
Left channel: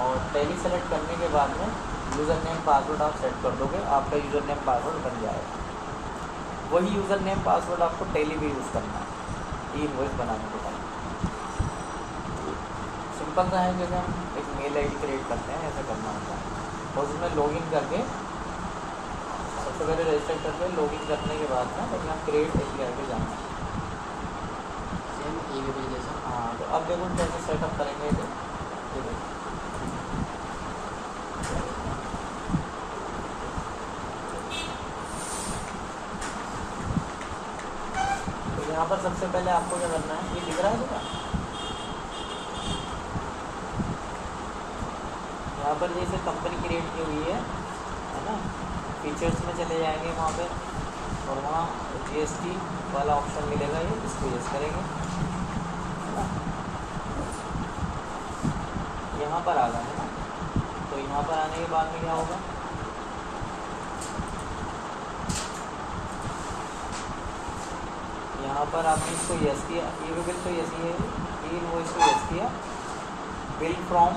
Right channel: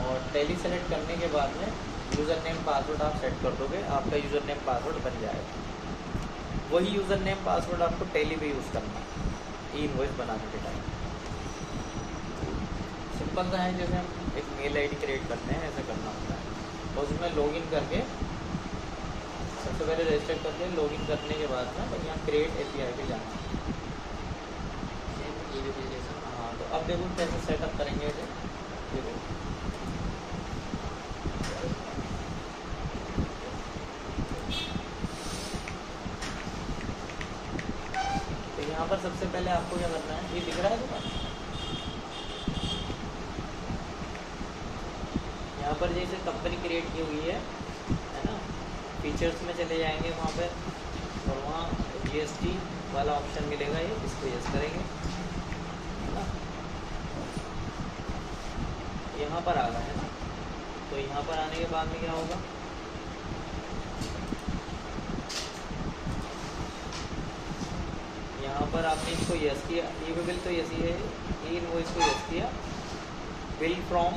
और टैली सेलेक्ट करने के बाद में यूज़र नेम पासवर्ड आप सेट कर दोगे, आपका यूज़र नेम पासवर्ड बन जाएगा। वही यूज़र नेम पासवर्ड आपको टैली भी यूज़ करना है ई-इनवॉइस बनाने के टाइम। सिंपल सा है, जैसे हम एक मेल आईडी क्रिएट करते हैं ऐसा करना होता है। तो उसमें लॉगिन करके सबसे पहले रजिस्टर करके लॉगिन करने के बाद में यहाँ क्रिएट API पे जाना है। सेम ईमेल जैसा। हाँ, तो अब देखो कैसे सेटअप करेंगे ये देखो। तो यहाँ पर सबसे पहले आपको क्या करना है, ये दिख रहा है तुम्हें? यहाँ पर जैसे कंपनी क्रिएट की हुई है ना, फीचर्स में चले जाएंगे वहाँ पे और वहाँ GST वाला ऑप्शन मिलेगा, ये इसको यस करेंगे है ना। यहाँ पर आ गया है ना, तो यहाँ पर आने के बाद में क्या होगा, यहाँ पर आपने इसको यस किया, ये बिल तो यस ही है, ई इनवॉइस को यस किया, बिल फ्रॉम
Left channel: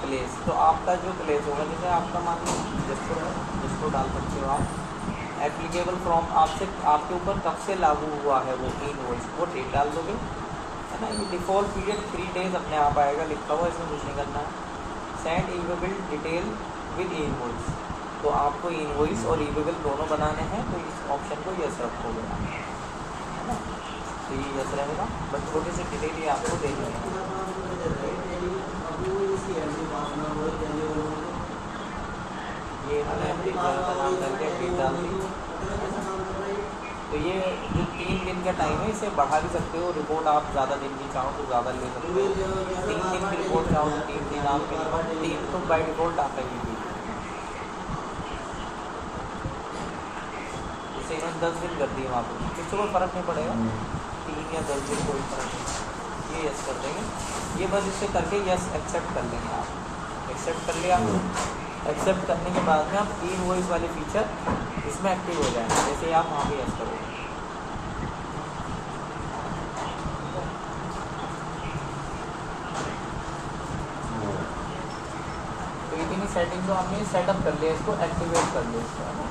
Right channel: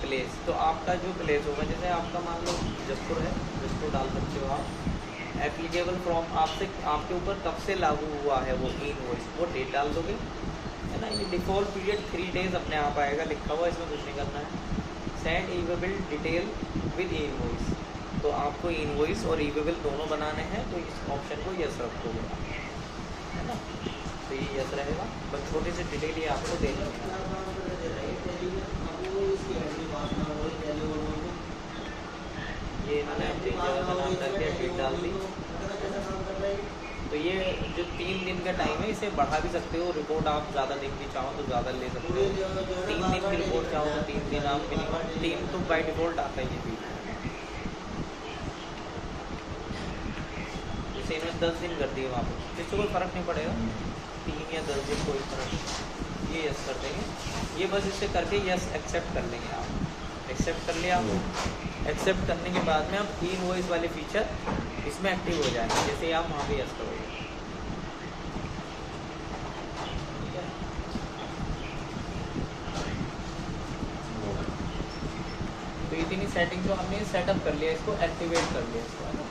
प्लेस, तो आपका जो प्लेस होगा, जैसे आपका मान लो जसपुर है, जसपुर डाल सकते हो आप। एप्लीकेबल फ्रॉम आपसे आपके ऊपर कब से लागू हुआ है वो ई इनवॉइस, वो डेट डाल दोगे है ना। ये डिफ़ॉल्ट पीरियड 3 डेज अपने आप आएगा लिखा हुआ, इसमें कुछ नहीं करना है। Send E bill detail with E invoice, तो आपको ई इनवॉइस और ई बिल दोनों बनाने हैं, तो इस ऑप्शन को यस रखोगे है ना। तो ये यस रहेगा, बस छोटी सी डिटेल ये आपको देनी है। ये मैंने अपनी जगह का नाम डाल दिया, डेट डाल दी। तो ये जो 3 दिन का टाइम है, इसे बढ़ा भी सकते हो, रिपोर्ट आप ज़्यादा दिन की चाहो तो ज़्यादा ले सकते हो, 3 दिन की रिपोर्ट चाहो तो 3 दिन आप मिनिमम 3 तो बाई डिफॉल्ट आता ही है। इसे इन्होंने 10 दिन कर दिए वहाँ पर, इससे कोई फ़र्क नहीं पड़ेगा, 3 या 10 दिन कोई फ़र्क नहीं। ये यस कर देंगे, ये बस इससे करके यस एक्सेप्ट कर लेंगे आप। एक्सेप्ट कर लिया, एक्सेप्ट करने के बाद में आप ई इनवॉइस वाले फीचर इसमें एक्टिव हो जाएंगे, जैसे आप वहाँ पे यस करोगे। तो इतनी सेटिंग तो आपने सेटअप कर लिया, इसको एक्टिवेट कर लिया इसको, है ना।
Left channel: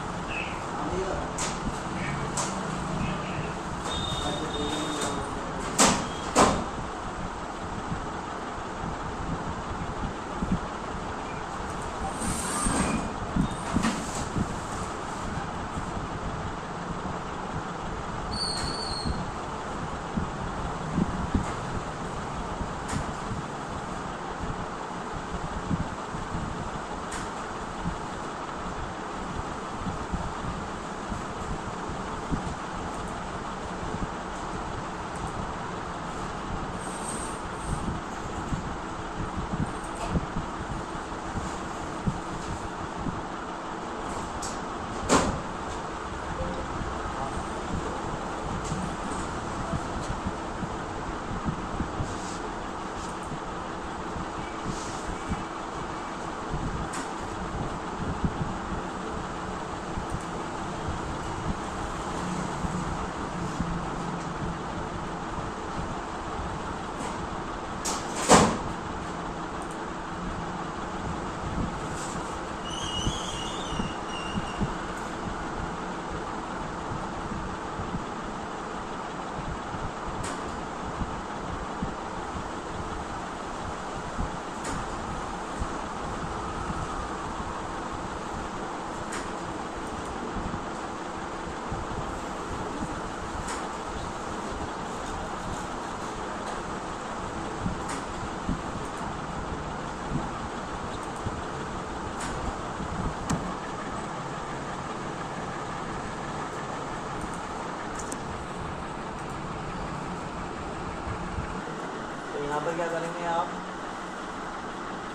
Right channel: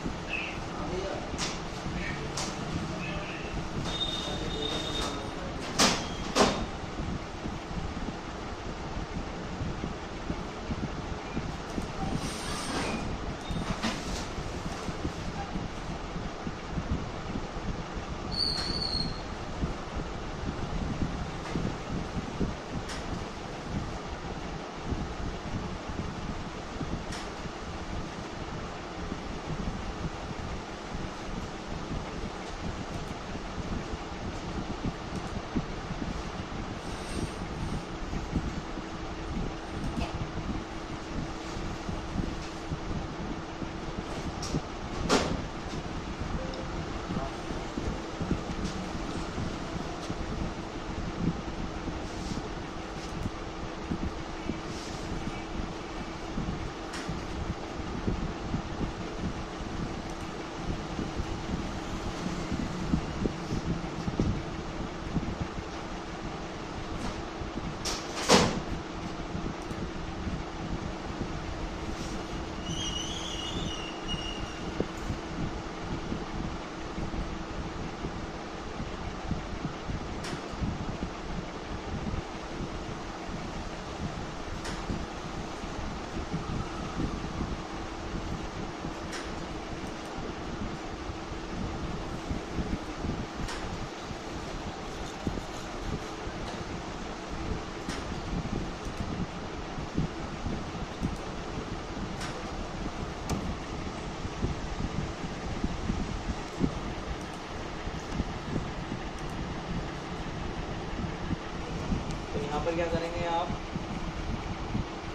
यहाँ पर क्या करेंगे आप,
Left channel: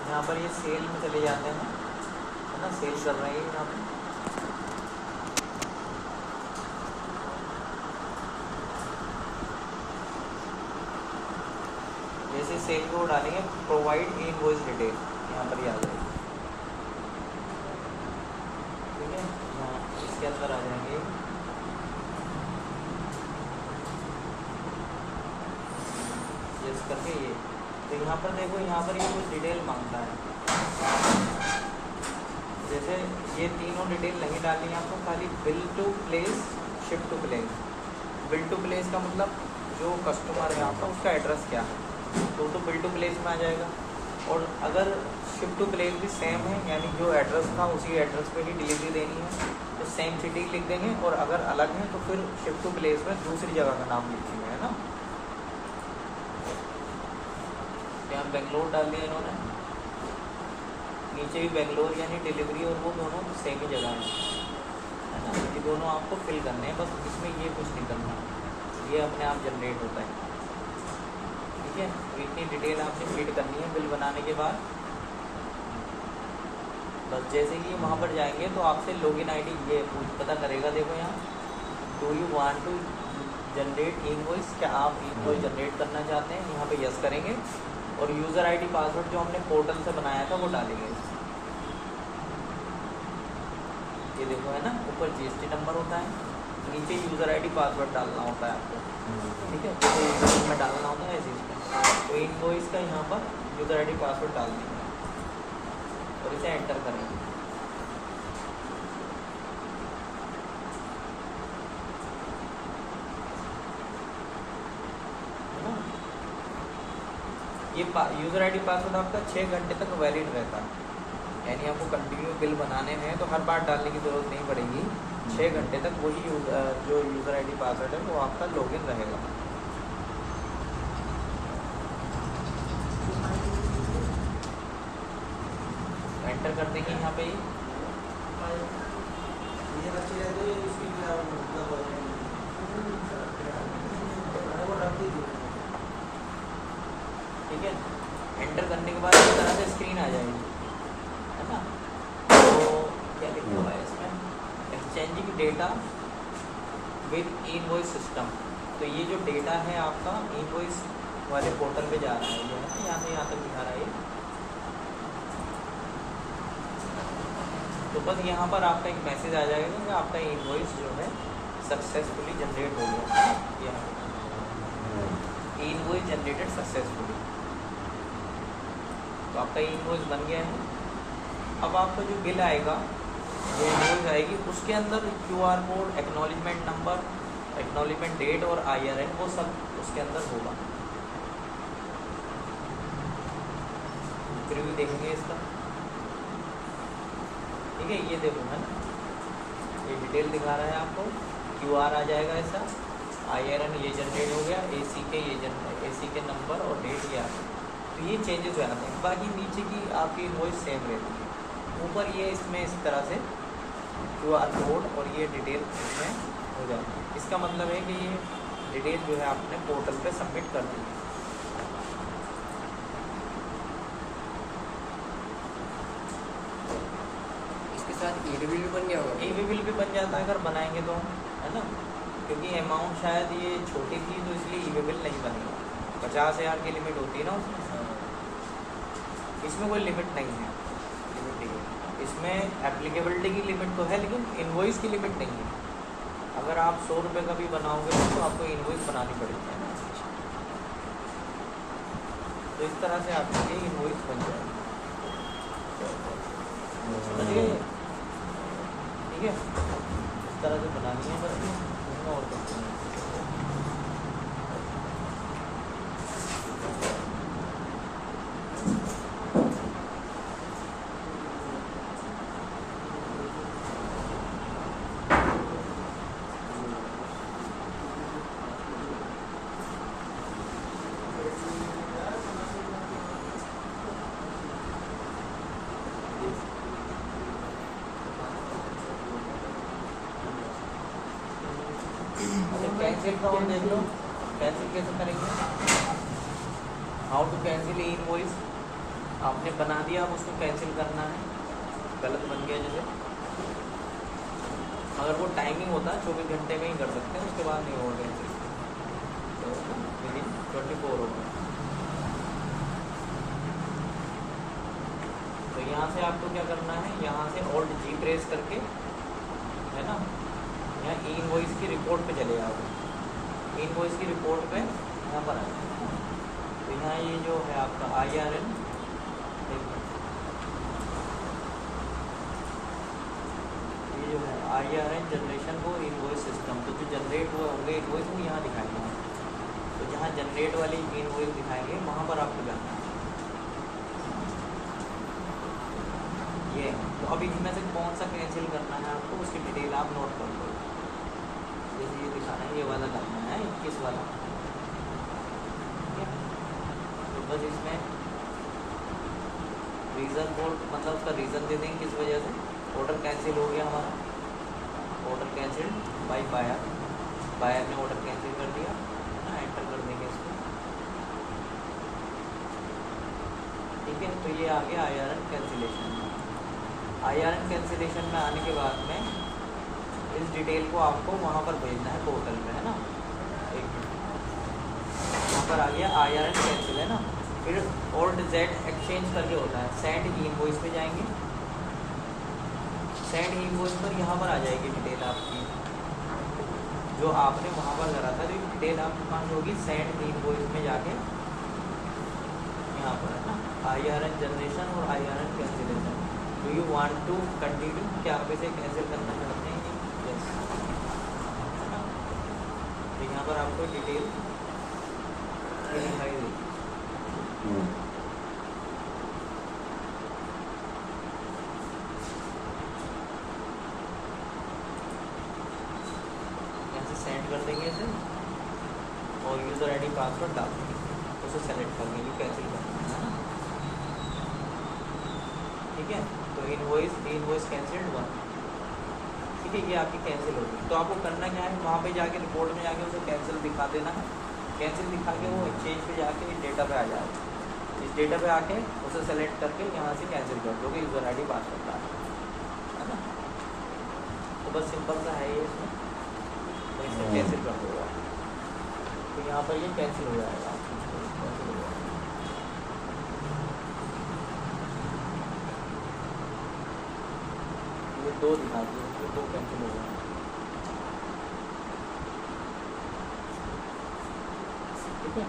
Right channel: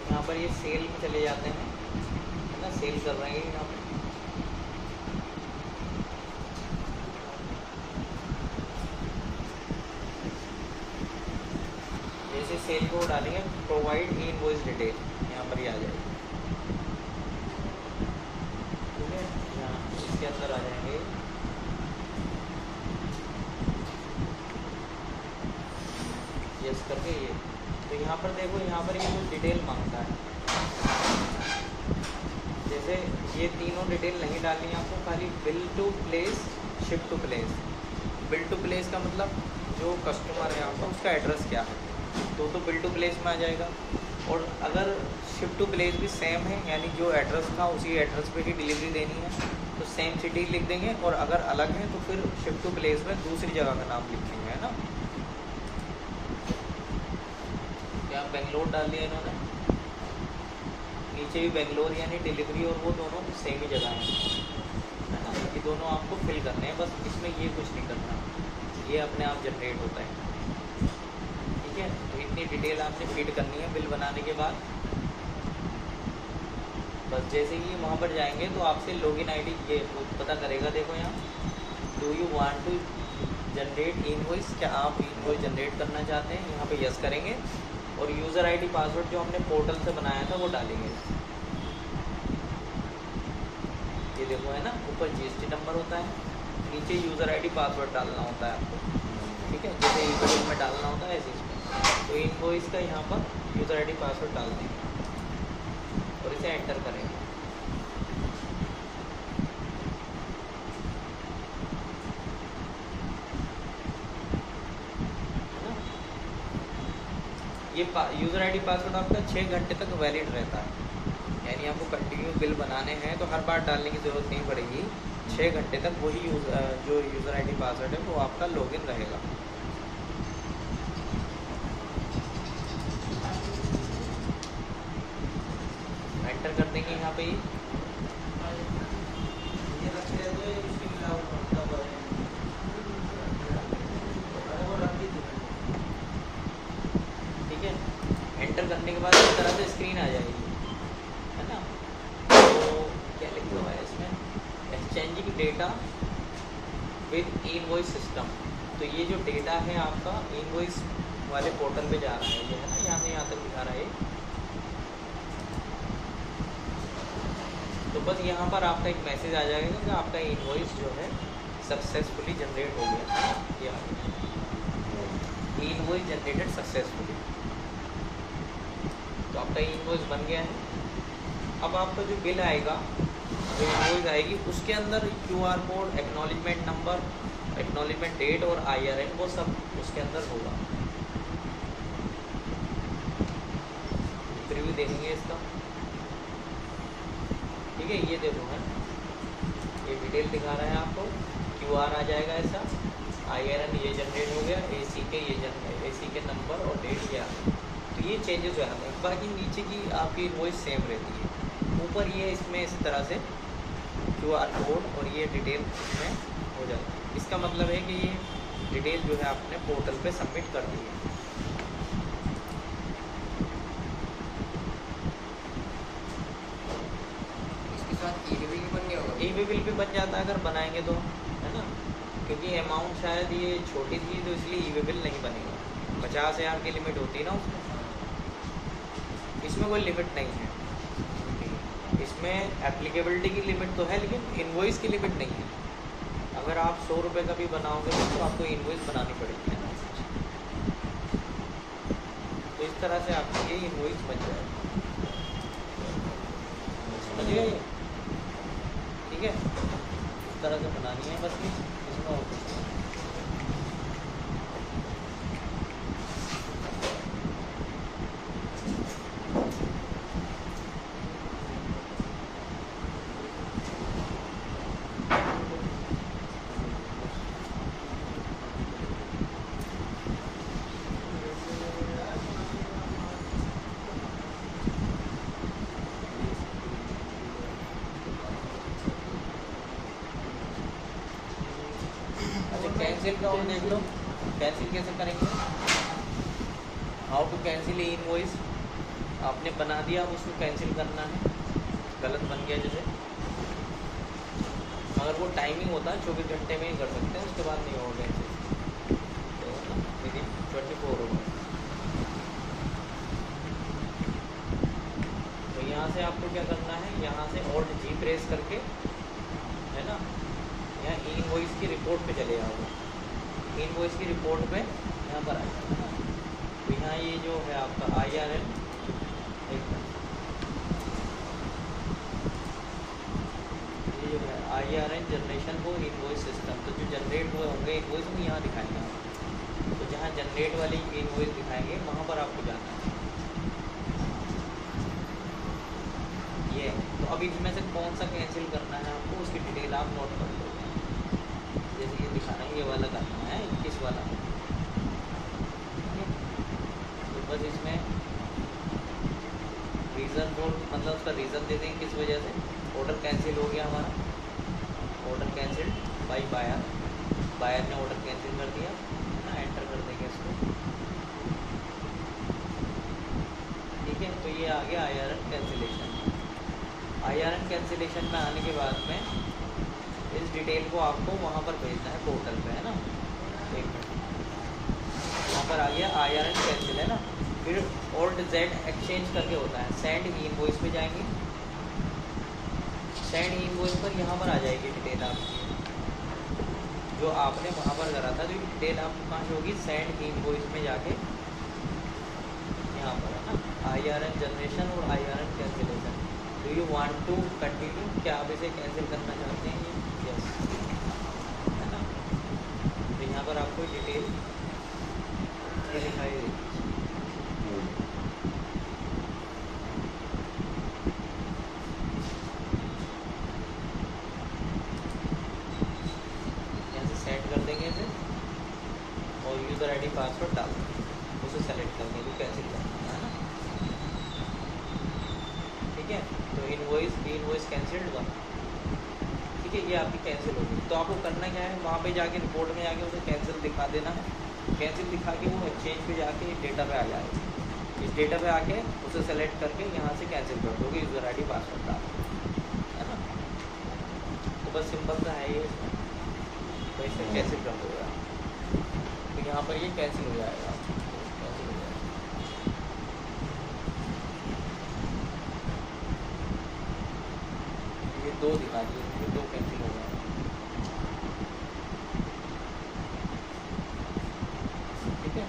यहाँ पर ये सेल में चले जाते हैं है ना, सेल कर रहे हैं यहाँ पर। जैसे सेल को डालेंगे, प्रोवाइड इनवॉइस डिटेल, यहाँ पर ही आ जाएगी, ठीक है। हाँ, इसके अंदर आ जाएंगे, यस करके ये। तो यहाँ पर देखो, यहाँ पर ये कुछ डिटेल मांगता है, जैसे ये तीनों डिटेल नहीं डालनी है आपको, खाली bill to place, ship to place. Bill to place का मतलब जो कस्टमर है आपका, उसका एड्रेस क्या है, तो बिल टू प्लेस में आ जाएगा। और अगर शिप टू प्लेस भी सेम है, यानी जो एड्रेस था उसी एड्रेस पे ही डिलीवरी देनी है, तो सेम सिटी लिख देंगे। और अगर अलग है तो फिर शिप टू प्लेस में दूसरी जगह का नाम लिखेंगे, है ना। यहाँ बेंगलोर डाल दिया इन्होंने, नीचे भी बेंगलोर, यानी डिलीवरी और वो दोनों सेम ही जगह में, है ना। ये दोनों आपको फिल करने हैं, बस इसमें ये कुछ नहीं करना, ये अपने आप जनरेट होता है, ठीक है। तो इतनी डिटेल आपने फिट करनी है बिल बनाने के बाद। बस जैसे ही वहाँ पर जाएंगे तो आपसे लॉगिन आईडी ये पता करेगा। देखो यहाँ, do you want to generate invoice, क्या आप इनवॉइस जनरेट करना चाहते हैं, यहाँ पे यस करेंगे। और यूज़र आईडी पासवर्ड जो हमने पोर्टल से बनाया था वो डालेंगे। ये देखो, है ना, ऊपर जीएसटी नंबर होता है, नीचे यूज़र आईडी पासवर्ड डालना होता है आपको, ठीक है। जैसे इनवॉइस में डालना होता है ऐसे इसमें, तो इनवॉइस का यहाँ पर यूज़र आईडी पासवर्ड डाल देंगे और इसे एंटर करेंगे। ये यूज़र आईडी पासवर्ड आपका 6 घंटे तक वैलिड रहता है, यानी आपको कंटिन्यू बिल बनाने हैं तो हर बार डालने की ज़रूरत नहीं पड़ेगी। 6 घंटे तक वही जो यूज़र आईडी पासवर्ड है वो आपका लॉगिन रहेगा। एंटर कर देंगे यहाँ पे ही। ठीक है, एंटर करने के बाद इस तरह से स्क्रीन आ जाएगी, है ना। तो क्या लिखा हुआ है इसमें, exchanging data with invoice system. तो ये जो डेटा है आपका इनवॉइस वाले पोर्टल पे जा रहा है, जो है ना, यहाँ से यहाँ तक जा रहा है। तो बस यहाँ पर आपका एक मैसेज आ जाएगा कि आपका इनवॉइस जो है सक्सेसफुली जनरेट हो गया, इनवॉइस जनरेटेड सक्सेसफुली। तो आपका इनवॉइस बन गया है। अब आपका जो बिल आएगा, जो इनवॉइस आएगी, उसके अंदर QR code, acknowledgement number, acknowledgement date और IRN वो सब उसके अंदर होगा। प्रीव्यू देखेंगे इसका, ठीक है। ये देखो, है ना, ये डिटेल दिखा रहा है आपको, QR आ जाएगा ऐसा, IRN ये जनरेट हो गया, AC के नंबर और डेट ये आ गया। तो ये चेंजेस हो जाते हैं। बाकी नीचे की आपकी इनवॉइस सेम रहती है, ऊपर ये इसमें इस तरह से QR कोड और ये डिटेल इसमें हो जाएगी। इसका मतलब है कि ये डिटेल जो है आपने पोर्टल पे सबमिट कर दी है। इसके साथ ई बिल भी बन गया होगा। ई बिल भी बन जाता है अगर बनाएंगे तो, है ना, क्योंकि अमाउंट शायद ये छोटी थी तो इसलिए ई बिल नहीं बनेगा। 50,000 की लिमिट होती है ना उसमें, इसमें कोई लिमिट नहीं है। इसमें एप्लीकेबिलिटी की लिमिट तो है, लेकिन इनवॉइस की लिमिट नहीं है। अगर आप 100 रुपये का भी बनाओगे तो आपको इनवॉइस बनानी पड़ेगी। तो इस तरह से आपके लिए इनवॉइस बन जाएगी, समझिए, ठीक है। इस तरह से बनानी है बस, इसमें और कुछ नहीं। कैंसिल का ऑन देख लो, कैंसिल कैसे करेंगे, हाउ टू कैंसिल इनवॉइस। आपने बना दिया, अब उसको कैंसिल करना है, गलत बन गया जैसे। अगर वो टाइमिंग होता है 24 घंटे में ही कर सकते हैं, उसके बाद नहीं होगा कैंसिल, तो विदिन 24 होगा। तो यहाँ से आपको क्या करना है, यहाँ से Alt G प्रेस करके, है ना, यहाँ इनवॉइस की रिपोर्ट पे चले जाओगे। इनवॉइस की रिपोर्ट पे यहाँ पर आओ, तो यहाँ ये जो है आपका IRN, ये जो है IRN जनरेशन को इनवॉइस सिस्टम, तो जो जनरेट हुए होंगे इनवॉइस वो यहाँ दिखाएंगे। तो जहाँ जनरेट वाली इनवॉइस दिखाएंगे वहाँ पर आपको जाना है। ये है। तो अब इसमें से कौन सा कैंसिल करना है आपको, उसकी डिटेल आप नोट कर लो। जैसे ये दिखाना है, ये वाला करना है, 21 वाला। ठीक है, तो बस इसमें रीज़न बोर्ड मतलब उसका रीज़न दे देंगे किस वजह से ऑर्डर कैंसिल हो गया हमारा। Order cancel by buyer, buyer ने ऑर्डर कैंसिल कर दिया। एंटर कर देंगे इसको। ठीक है, तो ये आ गया IRN कैंसिलेशन। IRN कैंसिलेशन में आने के बाद में इस डिटेल को आपको वहाँ पर भेजना है पोर्टल पे, है ना। एक मिनट, यहाँ पर आ गया IRN कैंसिल, है ना। फिर और जेड एक्सचेंज करके होता है, सेंड इनवॉइस पे जाएंगे। सेंड इनवॉइस पर यहाँ पर आ जाएगी डिटेल आपकी जो आपने वहाँ पर करा था। जो डिटेल आपको कहाँ से होगी, सेंड इनवॉइस में जाके यहाँ पर, है ना, IRN जनरेशन और IRN cancellation. Do you want to continue, क्या आप इसे कैंसिल करना चाहते हैं? यस, है ना। तो यहाँ पर आपको डिटेल दिखाई देगी। सेंड कर देंगे इसे और यूज़र आईडी पासवर्ड डाल देंगे, उसे सेलेक्ट कर देंगे, कैंसिल करना है ना। ठीक है, तो इनवॉइस कैंसिल्ड 1। ठीक है, ये आपकी कैंसिल होगी। तो आपको करना क्या है, वहाँ पे जाके रिपोर्ट में जाके उसे कैंसिल दिखा देना है। कैंसिल दिखा के वो एक्सचेंज पे जाके डेटा पे आ जाएगा। इस डेटा पे आके उसे सेलेक्ट करके यहाँ से कैंसिल कर दोगे, यूज़र आईडी पासवर्ड डाल, है ना। तो बस सिंपल सा है ये, इसमें तो इसे कैंसिल कर दोगे आप। तो यहाँ पर ये कैंसिल हो जाएगा, कैंसिल हो जाएगा। ये 2 दिखा दिए, ये 2 कैंसिल हो गए। ठीक है,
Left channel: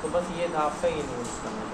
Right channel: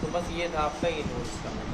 तो बस ये था आपका इनवॉइस करना।